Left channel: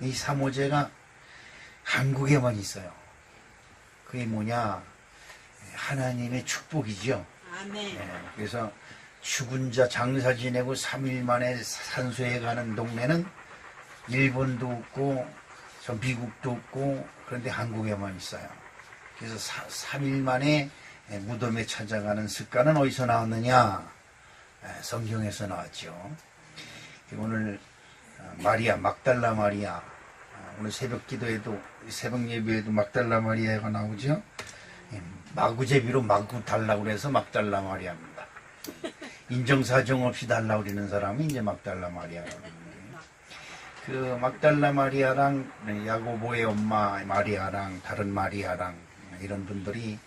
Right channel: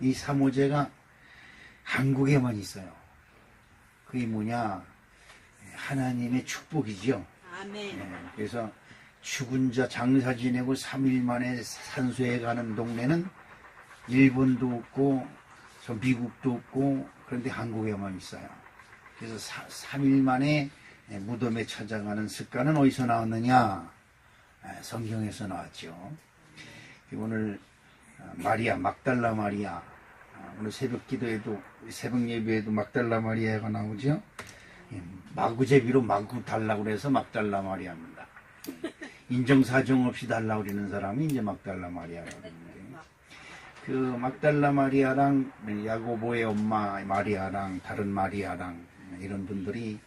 이 삼오제가 한국에만 있어요. 그게 뭐냐? 하나님의 축복이죠. 아멘. 그래서 죽은 자 장사 지내고 3일 만에 산소에 가는 동네는 일본도 없고 저 미국도 없고 그런데 한국에만 있어요. 그래서 3일 만에 무덤에 찾아가는 습관은 어디서 나왔느냐? 성경에서 나왔죠. 오늘 마리아, 막달라 마리아, 오늘 새벽 기도에도, 새벽 예배에도 막달라 마리아가 나오죠. 마구제비로 마구 달라고 그래서 막달라 마리아입니다. 인정사정 없이 달라고 그러는 사람이 이제 막달라 마리아라고 그러는데, 그 막달라 마리아랑 야고보의 엄마 마리아랑 다른 마리아랑 이런 분들이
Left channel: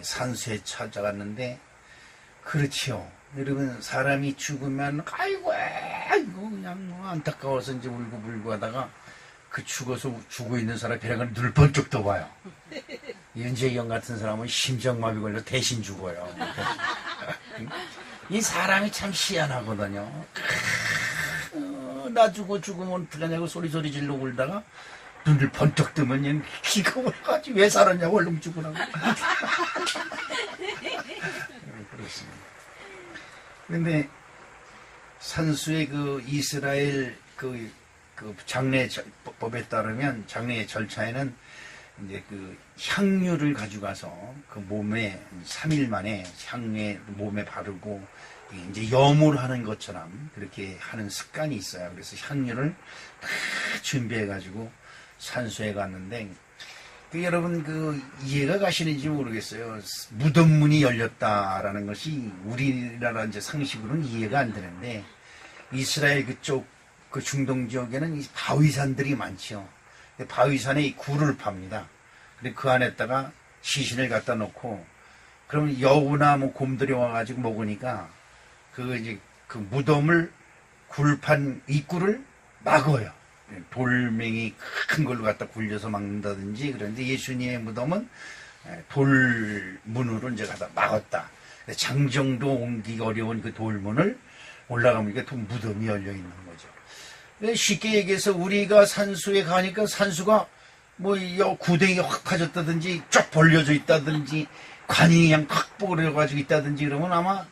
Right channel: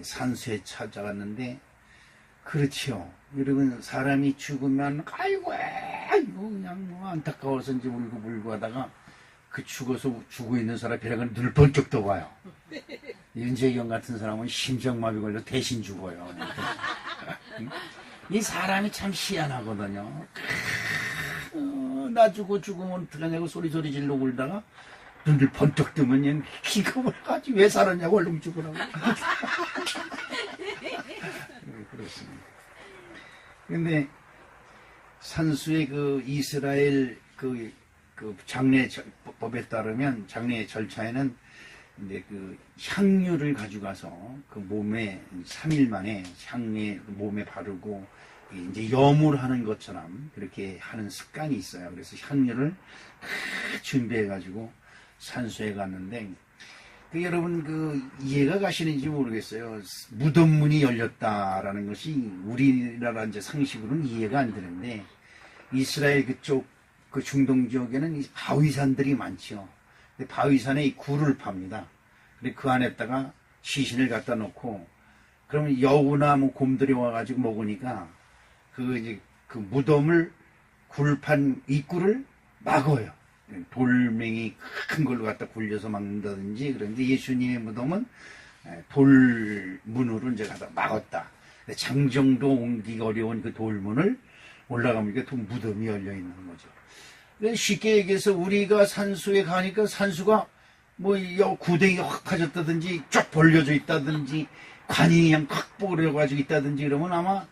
산수에 찾아갔는데, 그렇지요. 여러분, 사람이 죽으면 아이고 그냥 뭐 안타까워서 이제 울고불고 하다가 그 죽어서 죽어 있는 사람 벼랑을 늘 번쩍 떠봐요. 윤재경 같은 사람은 심장마비 걸려 대신 죽어요. 이 사람이 참 희한하거든요. 나 죽으면 어떡하냐고 소리 질러 울다가 눈을 번쩍 뜨면 그냥 기가 올라가지 왜 살았냐고 얼른 죽으라고. 그렇습니다. 그런데 산수의 그 이스라엘 그 장례법에 따르면 장례 절차에는 이제 그 향유를 가져가서 그 몸에 3일 만에 향유에 몸에 바르고 이제 염을 하는 것처럼 그렇게 하는 습관이 있어요. 그래서 향유를 다 준비해 가지고 산수에 갔는데, 여러분 그 이해가 가시는지 모르겠어요. 무덤문이 열렸다라는 것이 우리나라 이제 상식으로는 이해가 안 되는데, 이스라엘 그쪽 그 중동 지역에는 이 바위산들이 많죠. 바위산에 이 굴을 팝니다. 근데 그 안에다가 시신을 갖다 놓고, 그러면 여우나 뭐 곰들이 와가지고 먹으니까 그 이제 그 무덤을 굴판 입구를 막어요. 돌멩이 큰 걸로 갖다 굴려서 막는다든지. 그런데 예수님의 무덤은 돌문으로 이제 갖다 막았다. 장정도 옮기기 어려운 그 돌문을 올라가면 또 무덤이 열려 있는 거죠. 쉽게 얘기해서 우리가 산수에 가니까 산수가 뭐 구덩이가 확 파졌다든지 쫙 벌려져 있다든지 관이 그냥 확 벌어가지고 있다든지 그러면 아마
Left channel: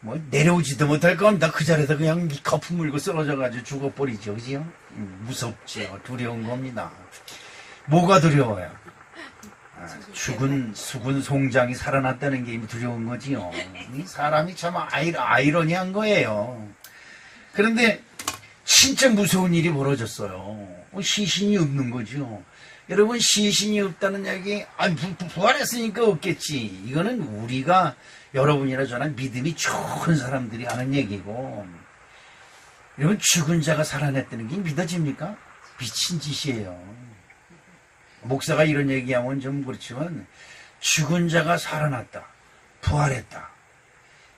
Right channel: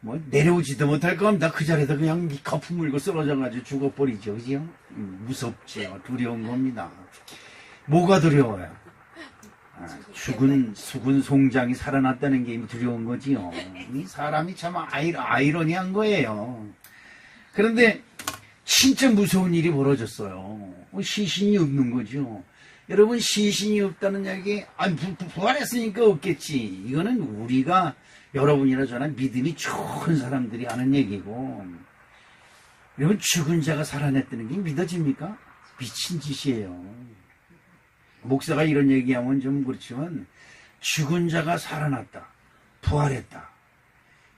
뭐 내려오지도 못할 겁니다. 그 자리에서 그냥 거품 물고 쓰러져가지고 죽어버리죠. 그죠? 무섭죠. 두려운 겁니다. 뭐가 두려워요? 죽은 송장이 살아났다는 게 두려운 거지요. 이 사람이 참 아이러니한 거예요. 그런데 진짜 무서운 일이 벌어졌어요. 시신이 없는 거죠. 여러분, 시신이 없다는 이야기, 부활했으니까 없겠지. 이거는 우리가 여러분이나 저나 믿음이 좋은 사람들이 하는 얘기고, 여러분, 죽은 자가 살아났다는 게 믿어집니까? 미친 짓이에요. 목사가 이런 얘기하면 좀 그렇지만, 죽은 자가 살아났다, 부활했다,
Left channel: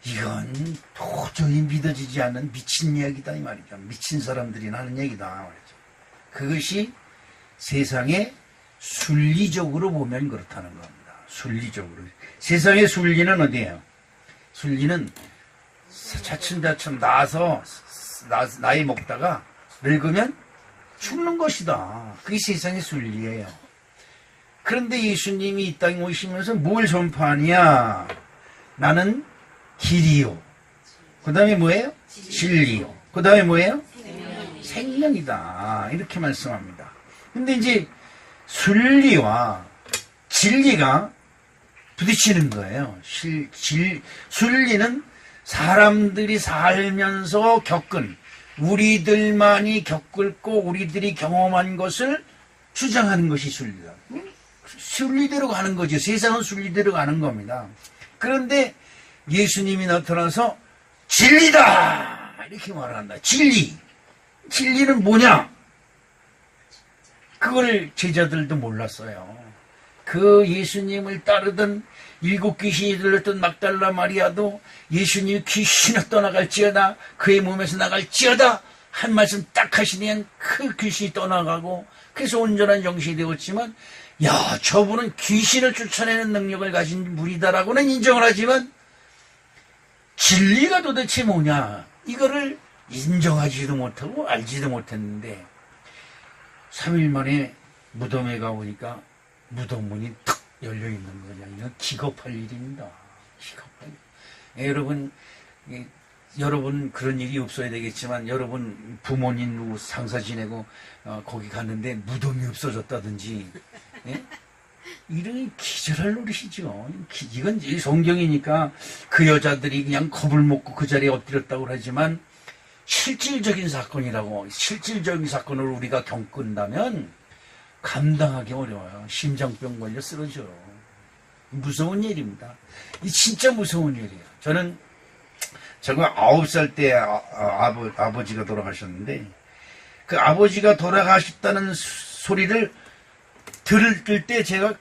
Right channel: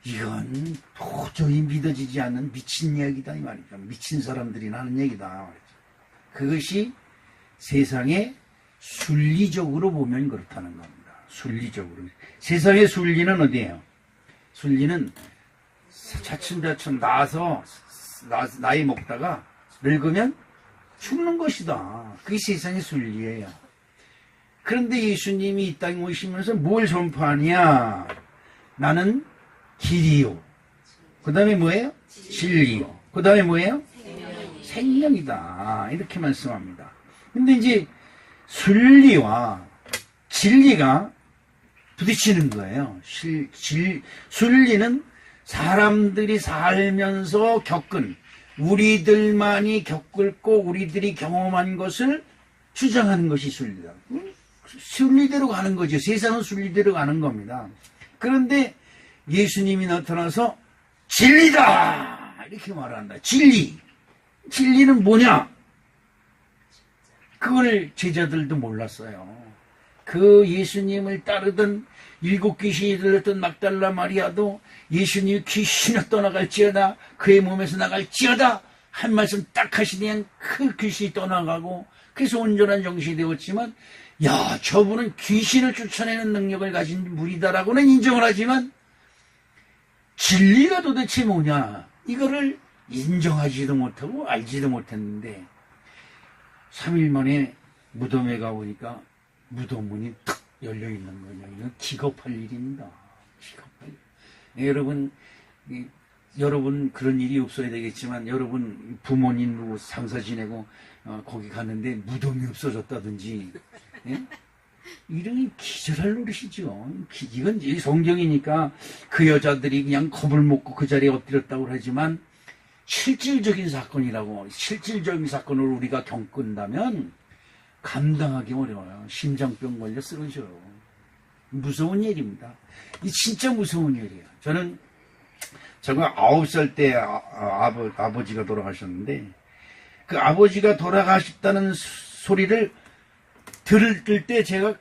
이건 도저히 믿어지지 않는 미친 이야기다 이 말이죠. 미친 사람들이 하는 얘기다 말이죠. 그것이 세상에 순리적으로 보면 그렇다는 겁니다. 순리적으로. 세상의 순리는 어디예요? 순리는 차츰차츰 나서 나이 먹다가 늙으면 죽는 것이다. 그게 세상의 순리예요. 그런데 예수님이 이 땅에 오시면서 뭘 전파하냐? 나는 길이요. 그 다음에 뭐예요? 진리요. 그 다음에 뭐예요? 생명이다. 이렇게 말씀합니다. 근데 이제 순리와 진리가 부딪히는 거예요. 순리는 사람들이 살면서 겪은, 우리들만이 겪고 우리들이 경험한 것을 주장하는 것이 순리다. 순리대로 가는 거죠. 세상은 순리대로 가는 겁니다. 그런데 예수님이 나타나서 진리다! 이렇게 말을 한다. 진리는 뭐냐? 그걸 제자들도 몰랐어요. 그 예수님을 따르던 7 귀신이 들렸던 막달라 마리아도 예수님 귀신이 떠나갈지어다, 그의 몸에서 나갈지어다 한 말씀 딱 하시니 그 귀신이 떠나가고, 그래서 온전한 정신이 되었지만, 야, 저분은 귀신을 쫓아내는 능력을 가진 분이다라고는 인정을 하지만 진리가 도대체 뭐냐, 이거를 인정하지도 못하고 알지도 못했는데 3일 만에 무덤에 가보니까 무덤 문이 탁 열려있는 거냐. 이건 기겁할 일입니다. 기겁할 일. 여러분, 여러분 그런 일이 없어야 되겠지만 여러분 부모님 누구 상사 지내고 거기 갔는데 무덤이 없어졌다든지 예? 이런 기절할 노릇이죠. 이건 성경이니까 그 여자들이 그냥 겁을 먹고 그 자리에 엎드렸다고 하지만 실질적인 사건이라고, 실질적인 사건을 우리가 겪는다면 감당하기 어려워요. 심장병 걸려 쓰러져요. 무서운 일입니다. 이 진짜 무서운 일이에요. 저는 제가 9살 때 아버지가 돌아가셨는데 그 아버지가 돌아가셨다는 소리를 들을 때 제가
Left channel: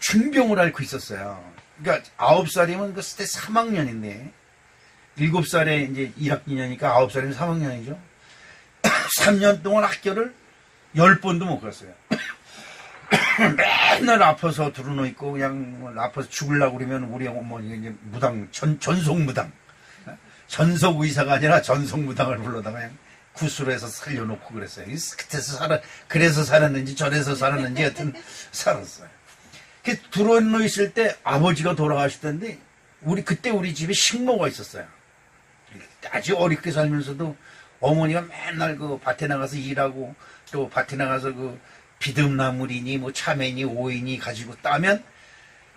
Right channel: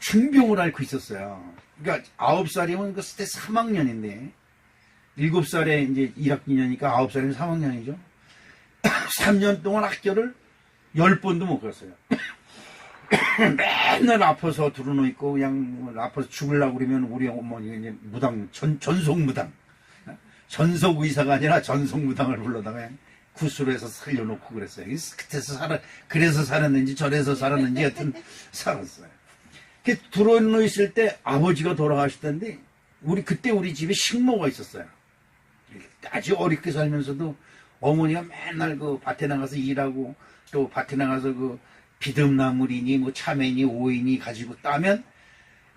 중병을 앓고 있었어요. 그러니까 9살이면 그때 3학년인데 7살에 이제 1학년이니까 9살이면 3학년이죠. 3년 동안 학교를 10번도 못 갔어요. 맨날 아파서 들어누워 있고 그냥 아파서 죽으려고 그러면 우리 어머니가 이제 무당, 전속무당, 전속 의사가 아니라 전속무당을 불러다가 그냥 구수로 해서 살려놓고 그랬어요. 그래서 살았는지 저래서 살았는지 하여튼 살았어요. 들어누워 있을 때 아버지가 돌아가시던데 그때 우리 집에 식모가 있었어요. 아주 어렵게 살면서도 어머니가 맨날 그 밭에 나가서 일하고 또 밭에 나가서 그 비듬나물이니 뭐 참외니 오이니 가지고 따면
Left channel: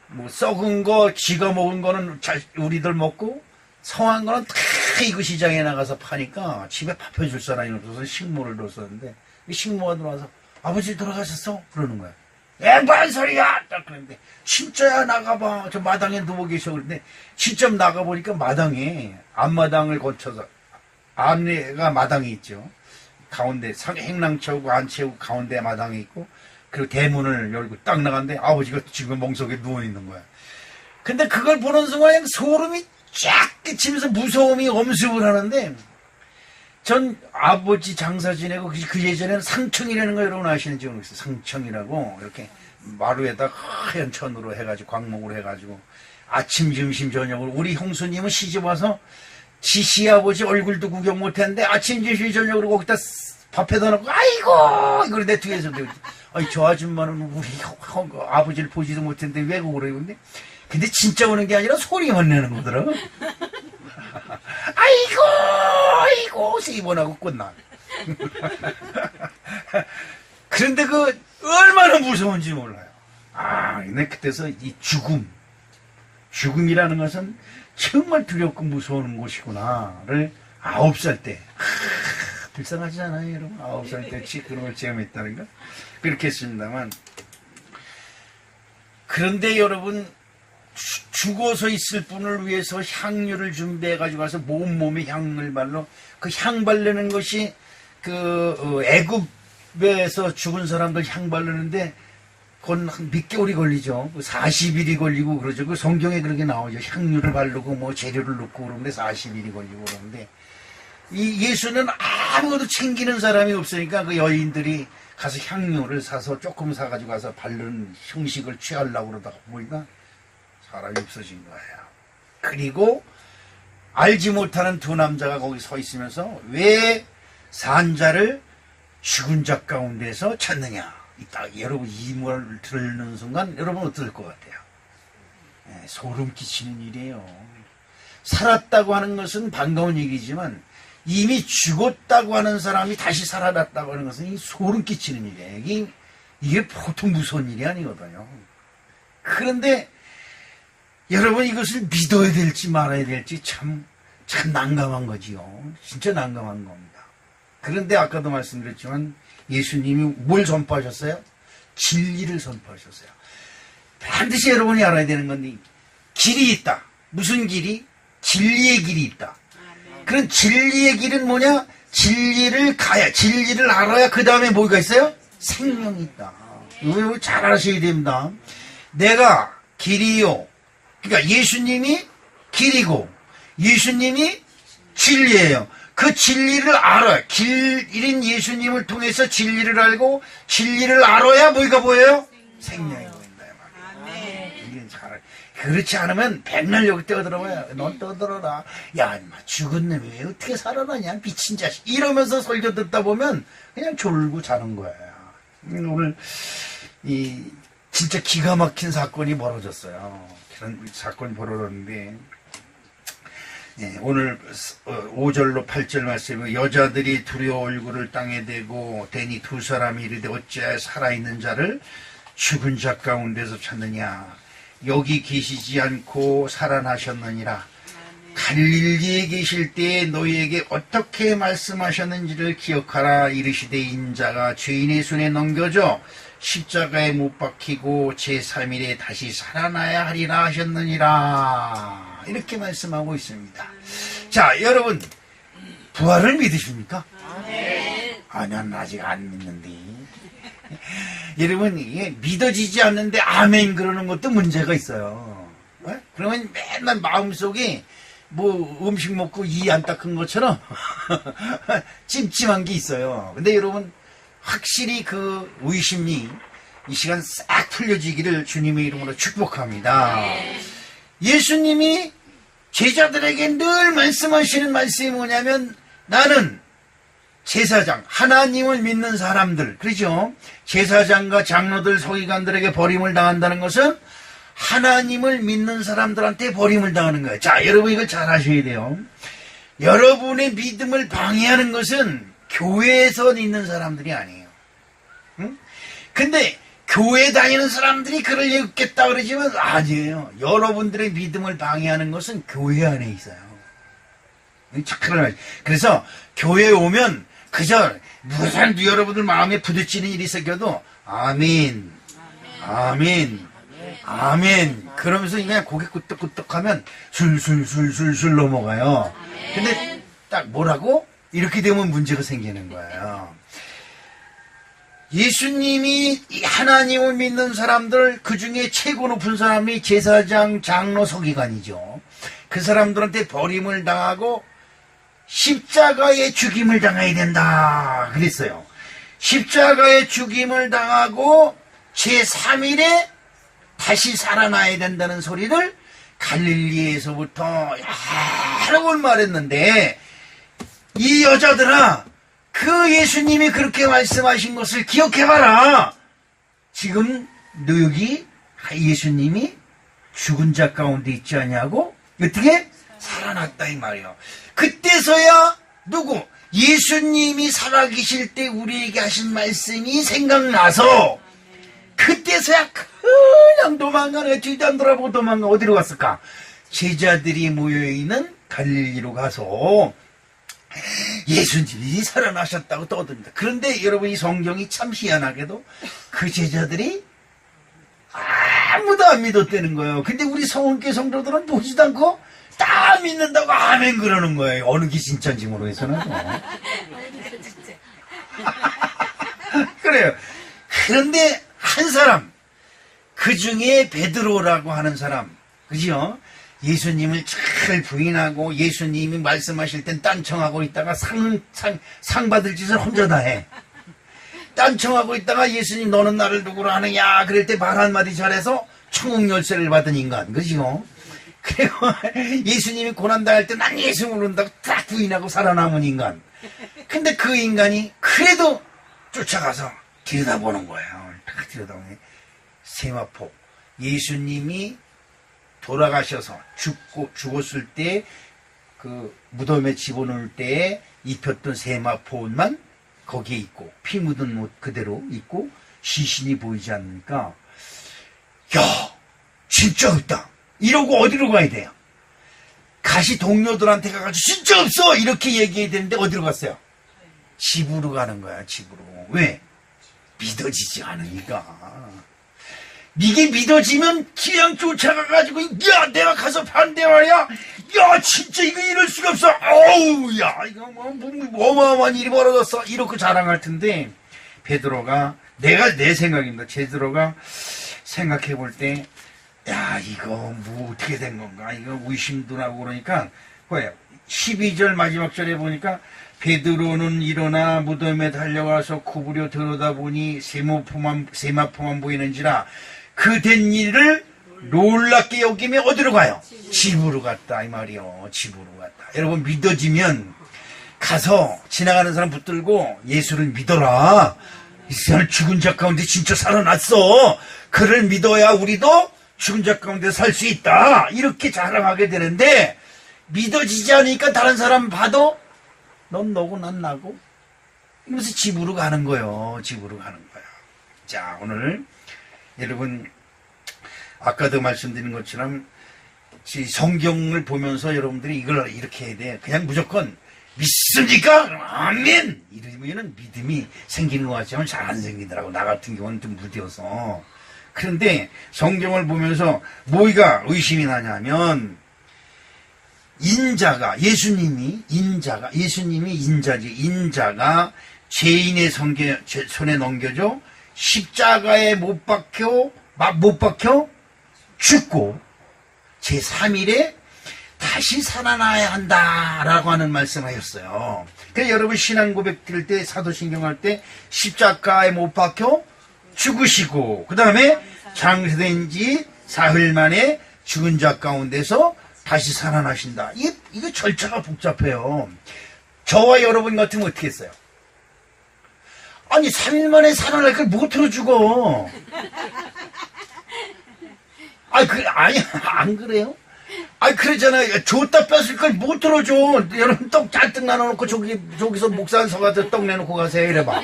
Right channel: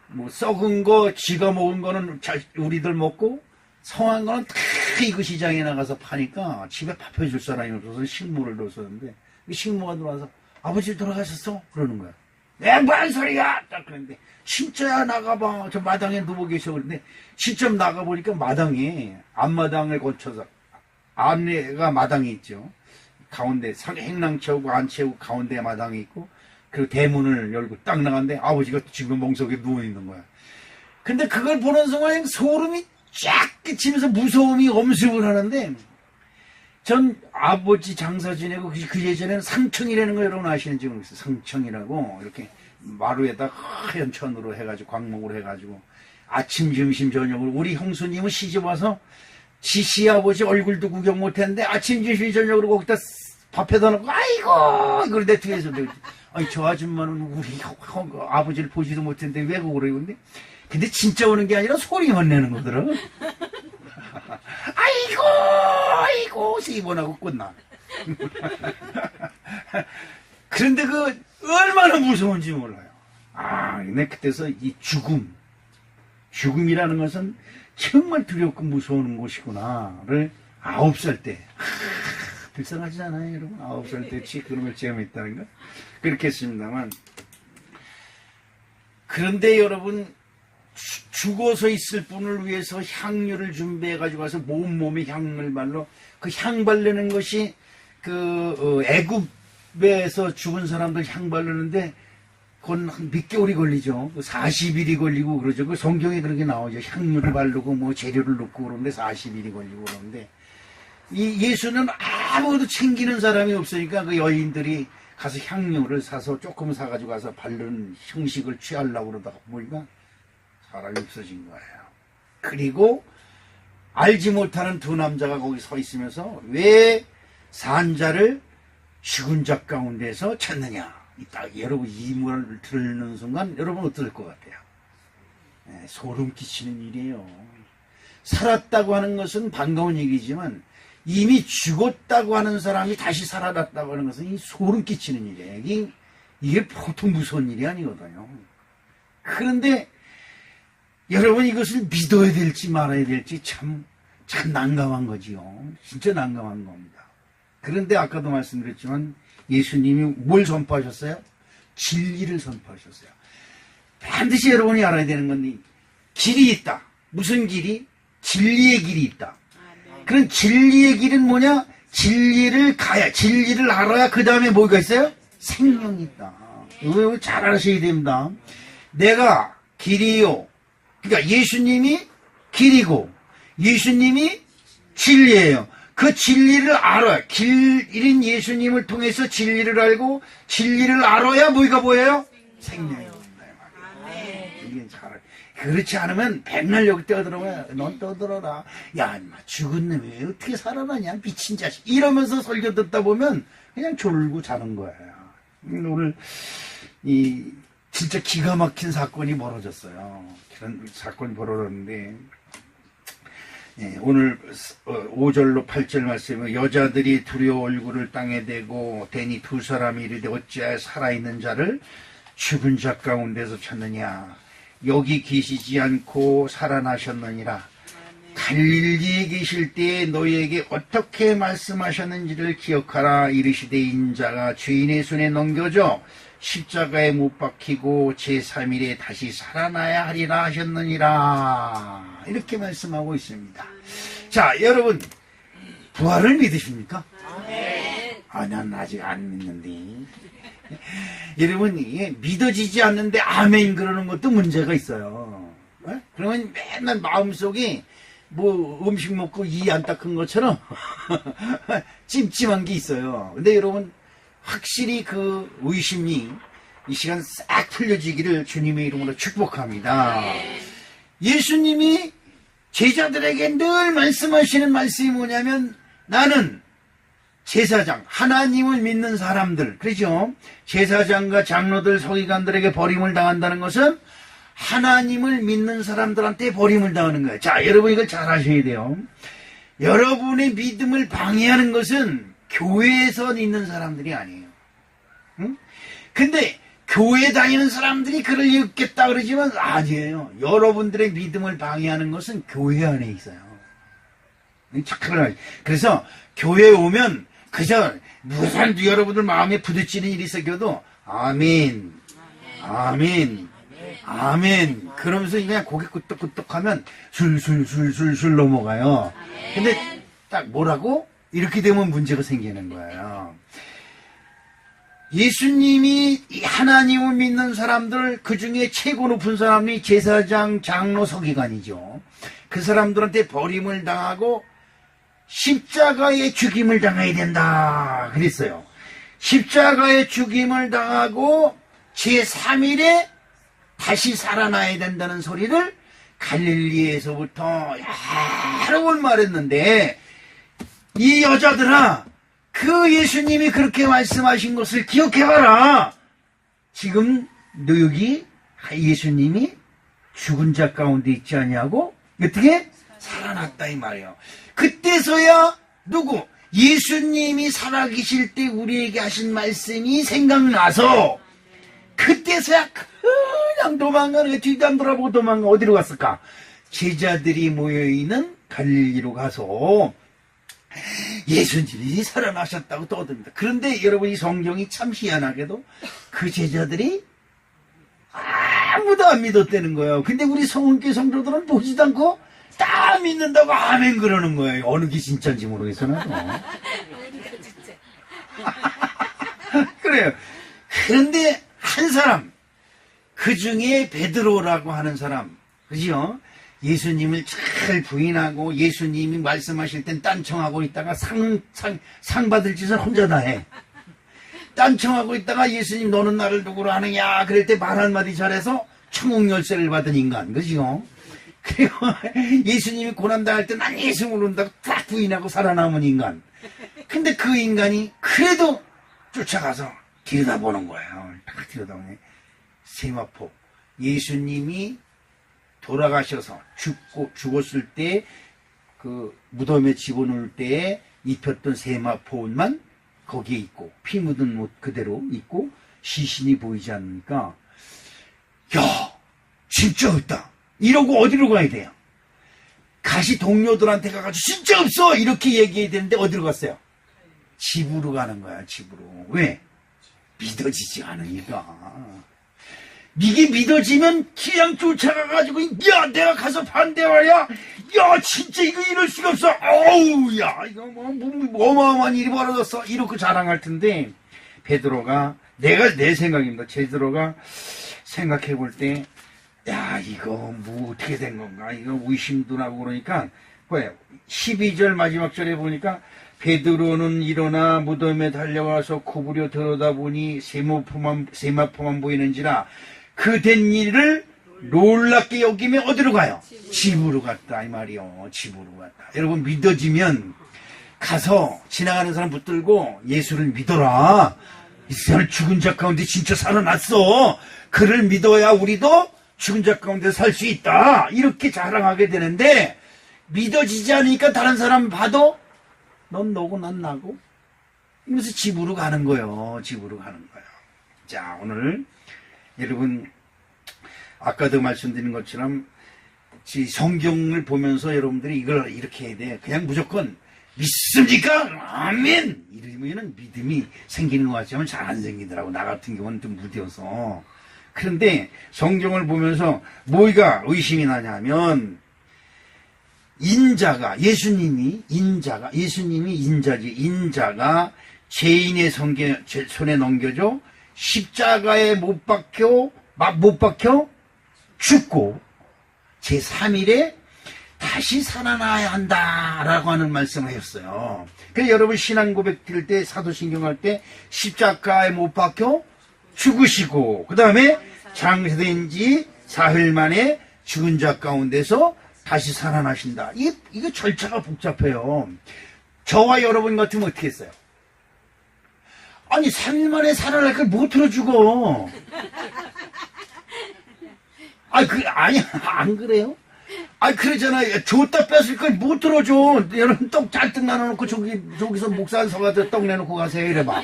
뭐 썩은 거 지가 먹은 거는 우리들 먹고 성한 거는 다 이거 시장에 나가서 파니까 집에 밥 해줄 사람이 없어서 식모를 뒀었는데 식모가 들어와서 아버지 돌아가셨어? 그러는 거야. 뭔 소리야! 딱 그랬는데 진짜야 나가봐. 저 마당에 누워 계셔. 그런데 직접 나가보니까 마당에 앞마당을 거쳐서 안에가 마당이 있죠. 가운데 행랑 채우고 안 채우고 가운데 마당이 있고 그리고 대문을 열고 딱 나갔는데 아버지가 지금 멍석에 누워있는 거야. 근데 그걸 보는 순간 소름이 쫙 끼치면서 무서움이 엄습을 하는데 전 아버지 장사 지내고 그 예전에는 상청이라는 거 여러분 아시는지 모르겠어요. 상청이라고 이렇게 마루에다 하얀 천으로 해가지고 광목으로 해가지고 아침 점심 저녁으로 우리 형수님은 시집와서 지시 아버지 얼굴도 구경 못했는데 아침 점심 저녁으로 거기다 밥에다 놓고 아이고 이걸 내 뒤에서 아니 저 아줌마는 우리 아버지를 보지도 못했는데 왜 그러고 근데 진짜 오는 게 아니라 소리만 내는 거더라. 아이고 입원하고 끝나. 그런데 얼마나 무서운지 몰라요. 근데 그때서 이 죽음이라는 것은 정말 두렵고 무서운 곳이구나를 9살 때 불쌍하지 않아요 여러분? 9살 때 그런 걸 체험했다는 거 그렇게 했습니다만 그런데 여러분 죽어서 있을 분을 위해서 향유를 준비해 가지고 가서 몸에 향을 발로 그 향 바르는 것이 애굽에서 죽은 사람들 향 바르는데 그건 몇 개월이 걸리죠. 40일이 걸리고 그러죠. 그 성경에 그렇게 나오죠. 향유를 바르고 뭐 재료를 넣고 그러는데 40일이 걸리고 그러는데 이 예수는 아무도 챙기는 사람이 없으니까 그 여인들이 가서 향유를 사서 조금 사가지고 가서 바르는 형식을 취하려고 그러다가 보니까 사람이 없어진 거예요. 그리고 알지 못하는 두 남자가 거기 서 있으면서 왜 산자를 죽은 자 가운데서 찾느냐. 여러분 이 말을 듣는 순간 여러분 어떨 것 같아요? 소름 끼치는 일이에요. 살았다고 하는 것은 반가운 얘기지만 이미 죽었다고 하는 사람이 다시 살아났다고 하는 것은 소름 끼치는 일이에요. 이게 보통 무서운 일이 아니거든요. 그런데 여러분 이것을 믿어야 될지 말아야 될지 참 난감한 거지요. 진짜 난감한 겁니다. 그런데 아까도 말씀드렸지만 예수님이 뭘 선포하셨어요? 진리를 선포하셨어요. 반드시 여러분이 알아야 되는 건 길이 있다. 무슨 길이? 진리의 길이 있다. 그런 진리의 길은 뭐냐? 진리를 알아야 그 다음에 뭐가 있어요? 생명이 있다. 이거 잘 아셔야 됩니다. 내가 길이요. 그러니까 예수님이 길이고 예수님이 진리예요. 그 진리를 알아요. 길인 예수님을 통해서 진리를 알고 진리를 알아야 뭐가 보여요? 생명이 보인다. 이게 잘 그렇지 않으면 백날 여기 떠들어봐요. 넌 떠들어라. 야, 인마 죽은 놈이 왜 어떻게 살아나냐, 미친 자식. 이러면서 설교 듣다 보면 그냥 졸고 자는 거예요. 오늘 진짜 기가 막힌 사건이 벌어졌어요. 그런 사건이 벌어졌는데, 예, 오늘 5절로 8절 말씀에 여자들이 두려워 얼굴을 땅에 대고 대니 두 사람이 이르되 어찌하여 살아있는 자를 죽은 자 가운데서 찾느냐. 여기 계시지 않고 살아나셨느니라. 갈릴리에 계실 때에 너희에게 어떻게 말씀하셨는지를 기억하라. 이르시되 인자가 죄인의 손에 넘겨져 십자가에 못 박히고 제3일에 다시 살아나야 하리라 하셨느니라. 이렇게 말씀하고 있습니다. 자, 여러분, 부활을 믿으십니까? 아, 난 아직 안 믿는데. 여러분, 이게 믿어지지 않는데 아멘 그러는 것도 문제가 있어요. 네? 그러면 맨날 마음속에 뭐 음식 먹고 이 안 닦은 것처럼 찜찜한 게 있어요. 근데 여러분, 확실히 그 의심이 이 시간 싹 풀려지기를 주님의 이름으로 축복합니다. 예수님이 제자들에게 늘 말씀하시는 말씀이 뭐냐면, 나는 제사장, 하나님을 믿는 사람들, 그렇죠? 제사장과 장로들, 서기관들에게 버림을 당한다는 것은 하나님을 믿는 사람들한테 버림을 당하는 거예요. 자, 여러분 이걸 잘 아셔야 돼요. 여러분의 믿음을 방해하는 것은 교회에서 있는 사람들이 아니에요. 응? 근데 교회 다니는 사람들이 그럴 리 없겠다 그러지만 아니에요. 여러분들의 믿음을 방해하는 것은 교회 안에 있어요. 착각을. 그래서 교회에 오면 그저 무슨 여러분들 마음에 부딪히는 일이 생겨도 아멘, 아멘, 아멘 그러면서 그냥 고개 끄덕끄덕하면 술술술술술 넘어가요. 근데 딱 뭐라고? 이렇게 되면 문제가 생기는 거예요. 예수님이 하나님을 믿는 사람들, 그 중에 최고 높은 사람이 제사장, 장로, 서기관이죠. 그 사람들한테 버림을 당하고 십자가의 죽임을 당해야 된다 그랬어요. 십자가의 죽임을 당하고 제3일에 다시 살아나야 된다는 소리를 갈릴리에서부터 여러 번 말했는데, 이 여자들아, 그 예수님이 그렇게 말씀하신 것을 기억해봐라. 지금 너 여기 예수님이 죽은 자 가운데 있지 않냐고? 어떻게? 살아났다 이 말이에요. 그때서야 누구? 예수님이 살아계실 때 우리에게 하신 말씀이 생각나서 그때서야 그냥 도망가네. 뒤도 안 돌아보고 도망가. 어디로 갔을까? 제자들이 모여있는 갈릴리로 가서 예수님이 살아나셨다고 떠듭니다. 그런데 여러분, 이 성경이 참 희한하게도 그 제자들이 아무도 안 믿었다는 거예요. 근데 우리 성은교회 성도들은 보지도 않고 다 믿는다고 아멘 그러는 거예요. 어느 게 진짜인지 모르겠어요. 그래요. 그런데 한 사람, 그 중에 베드로라고 하는 사람, 그죠? 예수님을 잘 부인하고 예수님이 말씀하실 땐 딴청하고 있다가 상 받을 짓을 혼자 다 해. 딴청하고 있다가 예수님 너는 나를 누구로 하느냐 그럴 때 말 한마디 잘해서 천국 열쇠를 받은 인간, 그죠? 그리고 예수님이 고난당할 때 난 예수 모른다고 딱 부인하고 살아남은 인간. 근데 그 인간이 그래도 쫓아가서 들여다보는 거예요. 딱 들여다보네. 세마포. 예수님이 돌아가셔서 죽었을 때 그 무덤에 집어넣을 때에 입혔던 세마포만 거기에 있고 피 묻은 옷 그대로 있고 시신이 보이지 않으니까, 야, 진짜 없다 이러고 어디로 가야 돼요? 가시 동료들한테 가가지고 진짜 없어 이렇게 얘기해야 되는데 어디로 갔어요? 집으로 가는 거야. 집으로. 왜? 믿어지지 않으니까. 이게 믿어지면 그냥 쫓아가가지고, 야, 내가 가서 반대하야, 야, 진짜 이거 이럴 수가 없어. 어우, 야, 이거 뭐 어마어마한 일이 벌어졌어. 이렇게 자랑할 텐데, 베드로가, 내 생각입니다. 베드로가 생각해 볼 때, 야, 이거 뭐 어떻게 된 건가? 이거 의심도 나고 그러니까, 뭐예요? 12절 마지막 절에 보니까, 베드로는 일어나 무덤에 달려가서 구부려 들여다보니 세마포만 보이는지라 그 된 일을 놀랍게 여기면 어디로 가요? 집으로 갔다 이 말이요. 집으로 갔다. 여러분 믿어지면 가서 지나가는 사람 붙들고 예수를 믿어라. 이 사람 죽은 자 가운데 진짜 살아났어. 그를 믿어야 우리도 죽은 자 가운데 살 수 있다. 이렇게 자랑하게 되는데 믿어지지 않으니까 다른 사람 봐도 넌 너고 난 나고 이러면서 집으로 가는 거예요. 집으로 가는 거예요. 자, 오늘 여러분 아까도 말씀드린 것처럼 성경을 보면서 여러분들이 이걸 이렇게 해야 돼. 그냥 무조건 믿습니까? 아멘! 이러면 믿음이 생기는 것 같지만 잘 안 생기더라고. 나 같은 경우는 좀 무뎌서. 그런데 성경을 보면서 뭐가 의심이 나냐면 예수님이 인자지. 인자가 죄인의 손에 넘겨져 십자가에 못 박혀 죽고 제3일에 다시 살아나야 한다라고 하는 말씀을 하셨어요. 그래서 여러분 신앙 고백 드릴 때 사도신경 할 때 십자가에 못 박혀 죽으시고 그 다음에 장사된 지 4일 만에 죽은 자 가운데서 다시 살아나신다. 이거 절차가 복잡해요. 저와 여러분 같으면 어떻게 했어요? 아니 3일 만에 살아날 걸 못으로 죽어. 아니 안 그래요? 그러잖아요. 줬다 뺐을 걸 못 들어줘. 여러분 떡 잔뜩 나눠놓고 저기서 목사 한 서가지고 떡 내놓고 가세요. 이래봐.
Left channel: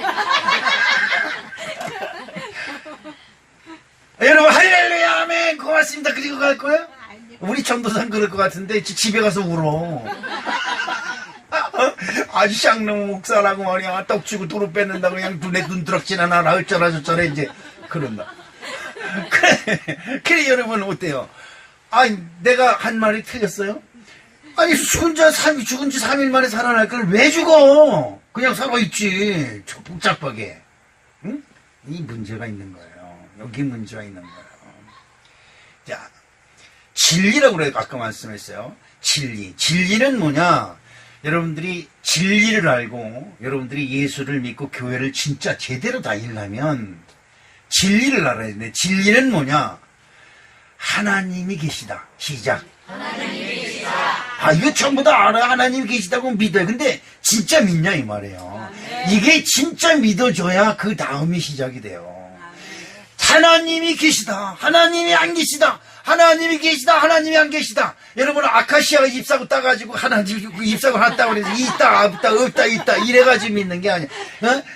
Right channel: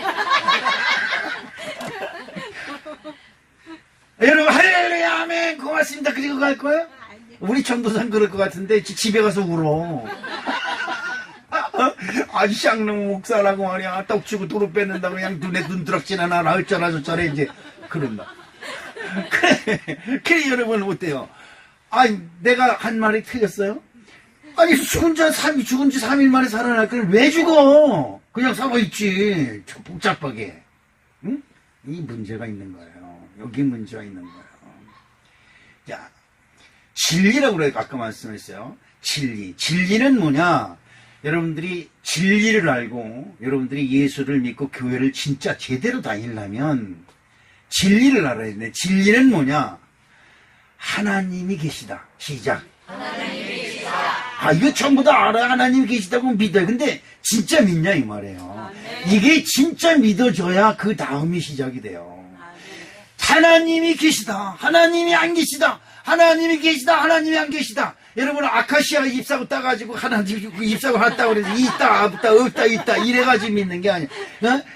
여러분 할렐루야 아멘 고맙습니다. 그리고 갈 거예요? 우리 전도사는 그럴 것 같은데 집에 가서 울어. 아주 쌍놈 목사라고 말이야. 떡 주고 도로 뺏는다고 그냥 눈에 눈드럭지나 나라 어쩌라 저쩌라 이제 그런다. 그래 여러분 어때요? 내가 한 말이 틀렸어요? 아니 죽은 지 3일 만에 살아날 걸 왜 죽어? 그냥 살아있지. 복잡하게. 응? 이 문제가 있는 거예요. 여기 문제가 있는 거예요. 자, 진리라고 그래요. 아까 말씀했어요. 진리는 뭐냐? 여러분들이 진리를 알고 여러분들이 예수를 믿고 교회를 진짜 제대로 다니려면 진리를 알아야 돼. 진리는 뭐냐? 하나님이 계시다. 시작. 하나님이 계시다. 이거 전부 다 알아야 하나님이 계시다고 믿어요. 근데 진짜 믿냐 이 말이에요. 이게 진짜 믿어줘야 그 다음이 시작이 돼요. 하나님이 계시다. 하나님이 안 계시다. 하나님이 계시다. 하나님이 안 계시다. 여러분 아카시아가 잎사귀 따가지고 하나님 잎사귀 났다고 그래서 있다 이래가지고 믿는 게 아니야.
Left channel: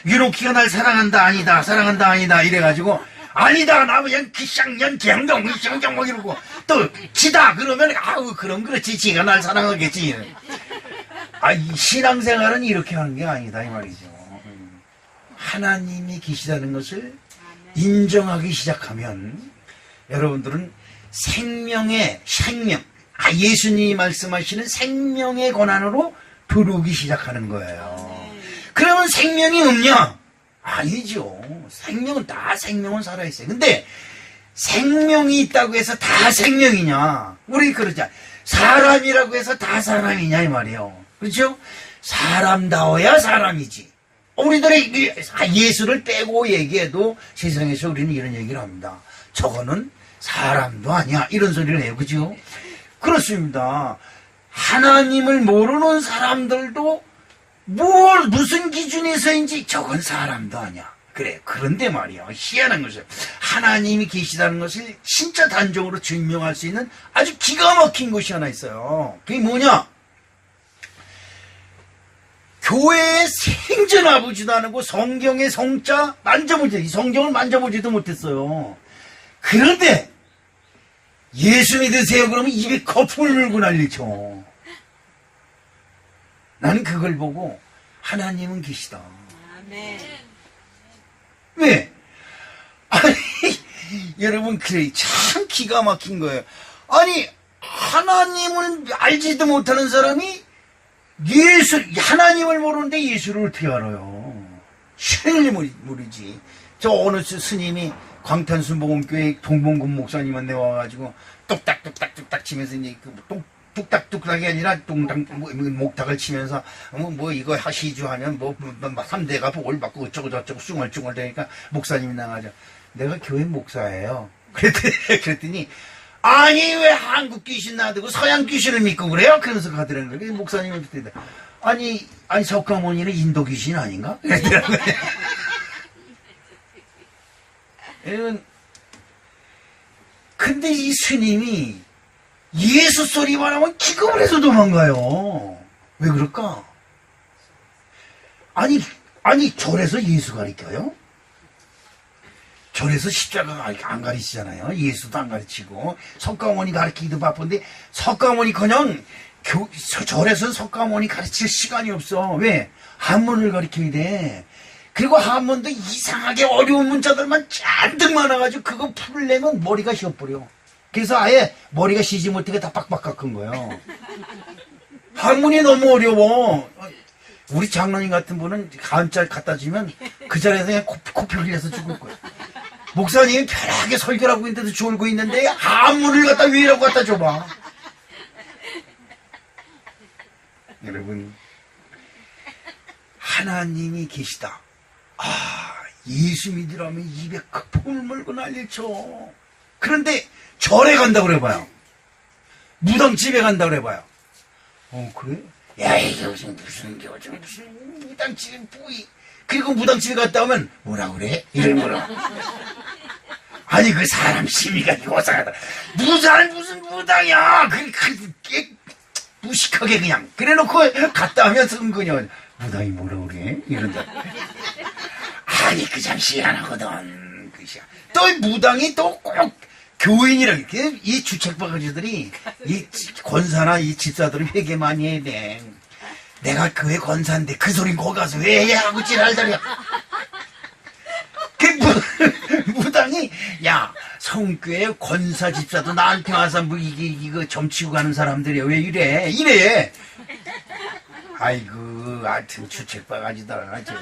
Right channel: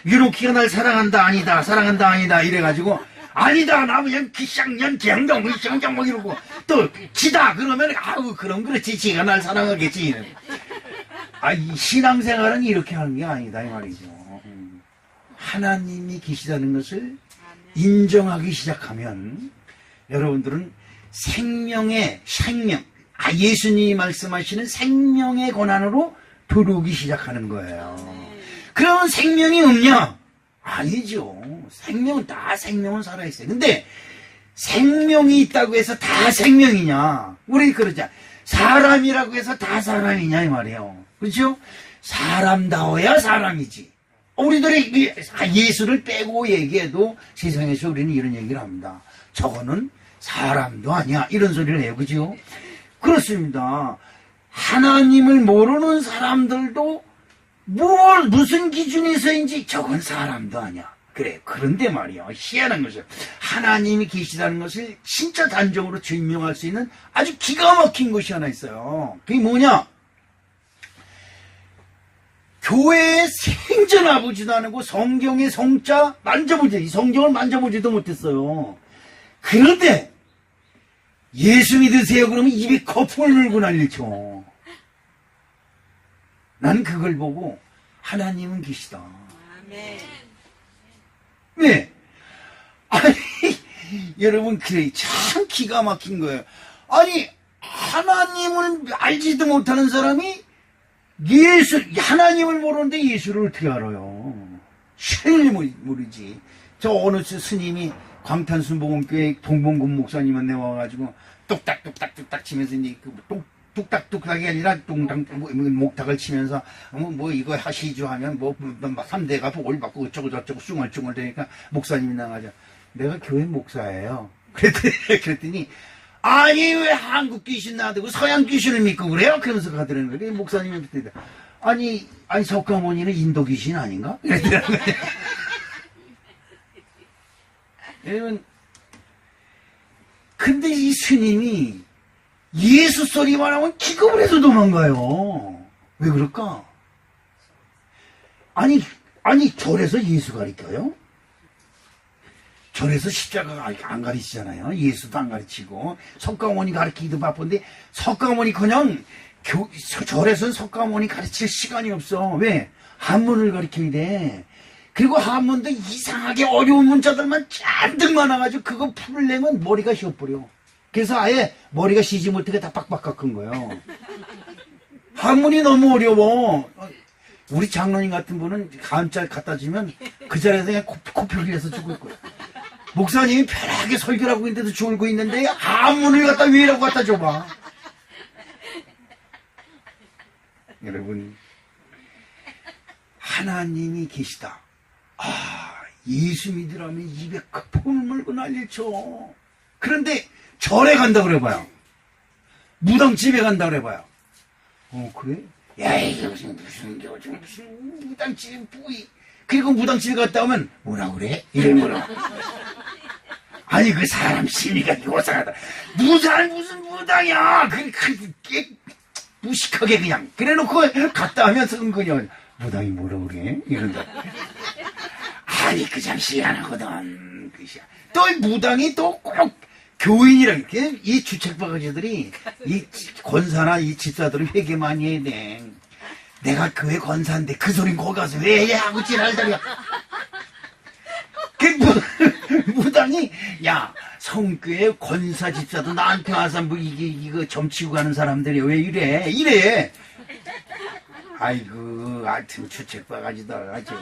유로키가 날 사랑한다 아니다 사랑한다 아니다 이래가지고 아니다 나 그냥 기쌍년 기양정 막 이러고 또 지다 그러면 그럼 그렇지 지가 날 사랑하겠지. 이 신앙생활은 이렇게 하는 게 아니다 이 말이죠. 하나님이 계시다는 것을 인정하기 시작하면 여러분들은 생명 예수님이 말씀하시는 생명의 권한으로 들어오기 시작하는 거예요. 그러면 생명이 없냐? 아니죠. 생명은 살아있어요. 근데 생명이 있다고 해서 다 생명이냐? 우리 그러자. 사람이라고 해서 다 사람이냐 이 말이에요. 그렇죠? 사람다워야 사람이지. 우리들의 예수를 빼고 얘기해도 세상에서 우리는 이런 얘기를 합니다. 저거는 사람도 아니야. 이런 소리를 해요. 그죠? 그렇습니다. 하나님을 모르는 사람들도 무슨 기준에서인지 저건 사람도 아니야. 그래. 그런데 말이야. 희한한 것이에요. 하나님이 계시다는 것을 진짜 단정으로 증명할 수 있는 아주 기가 막힌 것이 하나 있어요. 그게 뭐냐? 교회에 생전와보지도 않고 성경의 성자 이 성경을 만져보지도 못했어요. 그런데 예수 믿으세요 그러면 입에 거품을 물고 난리쳐. 난 그걸 보고 하나님은 계시다. 아멘. 왜? 여러분 그래 참 기가 막힌 거예요. 하나님을 알지도 못하는 사람이 하나님을 모르는데 예수를 어떻게 알아요? 신을 모르지. 저 어느 스님이 광탄순복음교회 동봉군 목사님한테 와가지고 뚝딱뚝딱뚝딱 치면서 이제 뚝딱뚝딱이 아니라 목탁을 치면서 이거 하시죠 하면 3대가 복을 받고 어쩌고 저쩌고 숭얼숭얼 되니까 목사님이 나가죠. 내가 교회 목사예요. 그랬더니 아니 왜 한국 귀신 놔두고 서양 귀신을 믿고 그래요? 그러면서 가더라는 거예요. 목사님이 그때 아니 석가모니는 인도 귀신 아닌가? 그러더라고요. 근데 이 스님이 예수 소리만 하면 기겁을 해서 도망가요. 왜 그럴까? 아니 절에서 예수 가르쳐요? 절에서 십자가 안 가르치잖아요. 예수도 안 가르치고 석가모니 가르치기도 바쁜데 석가모니커녕 절에서는 석가모니 가르칠 시간이 없어. 왜? 한문을 가르쳐야 돼. 그리고 한문도 이상하게 어려운 문자들만 잔뜩 많아가지고 그거 풀려면 머리가 휘어버려. 그래서 아예 머리가 쉬지 못하게 다 빡빡 깎은 거예요. 한문이 너무 어려워. 우리 장로님 같은 분은 한자 갖다 주면 그 자리에서 그냥 코피 흘려서 죽을 거예요. 목사님이 편하게 설교를 하고 있는데도 졸고 있는데 한문을 갖다 왜라고 갖다 줘봐. 여러분, 하나님이 계시다. 예수 믿으라면 입에 거품을 물고 난리를 쳐. 그런데 절에 간다 그래봐요. 무당집에 간다 그래봐요. 그래? 야, 이게 무슨 무당집에 뿌이. 그리고 무당집에 갔다 오면 뭐라 그래? 이러면 아니 그 사람 심리가 요상하다. 무슨 무당이야? 그게 무식하게 그냥 그래놓고 갔다 오면 은근히 무당이 뭐라 그래? 이런다. 아니 그 잠시 안 하거든. 또 무당이 또 꼭 교인이라 이렇게 이 주책바가지들이 이 권사나 이 집사들은 회개 많이 해야 돼. 내가 교회 권사인데 그 소린 거기 가서 왜 하고 지랄다리야. 그 무당이 야 성교회 권사 집사도 나한테 와서 뭐 이거 점치고 가는 사람들이 왜 이래. 아이고 하여튼 주책바가지다 아주.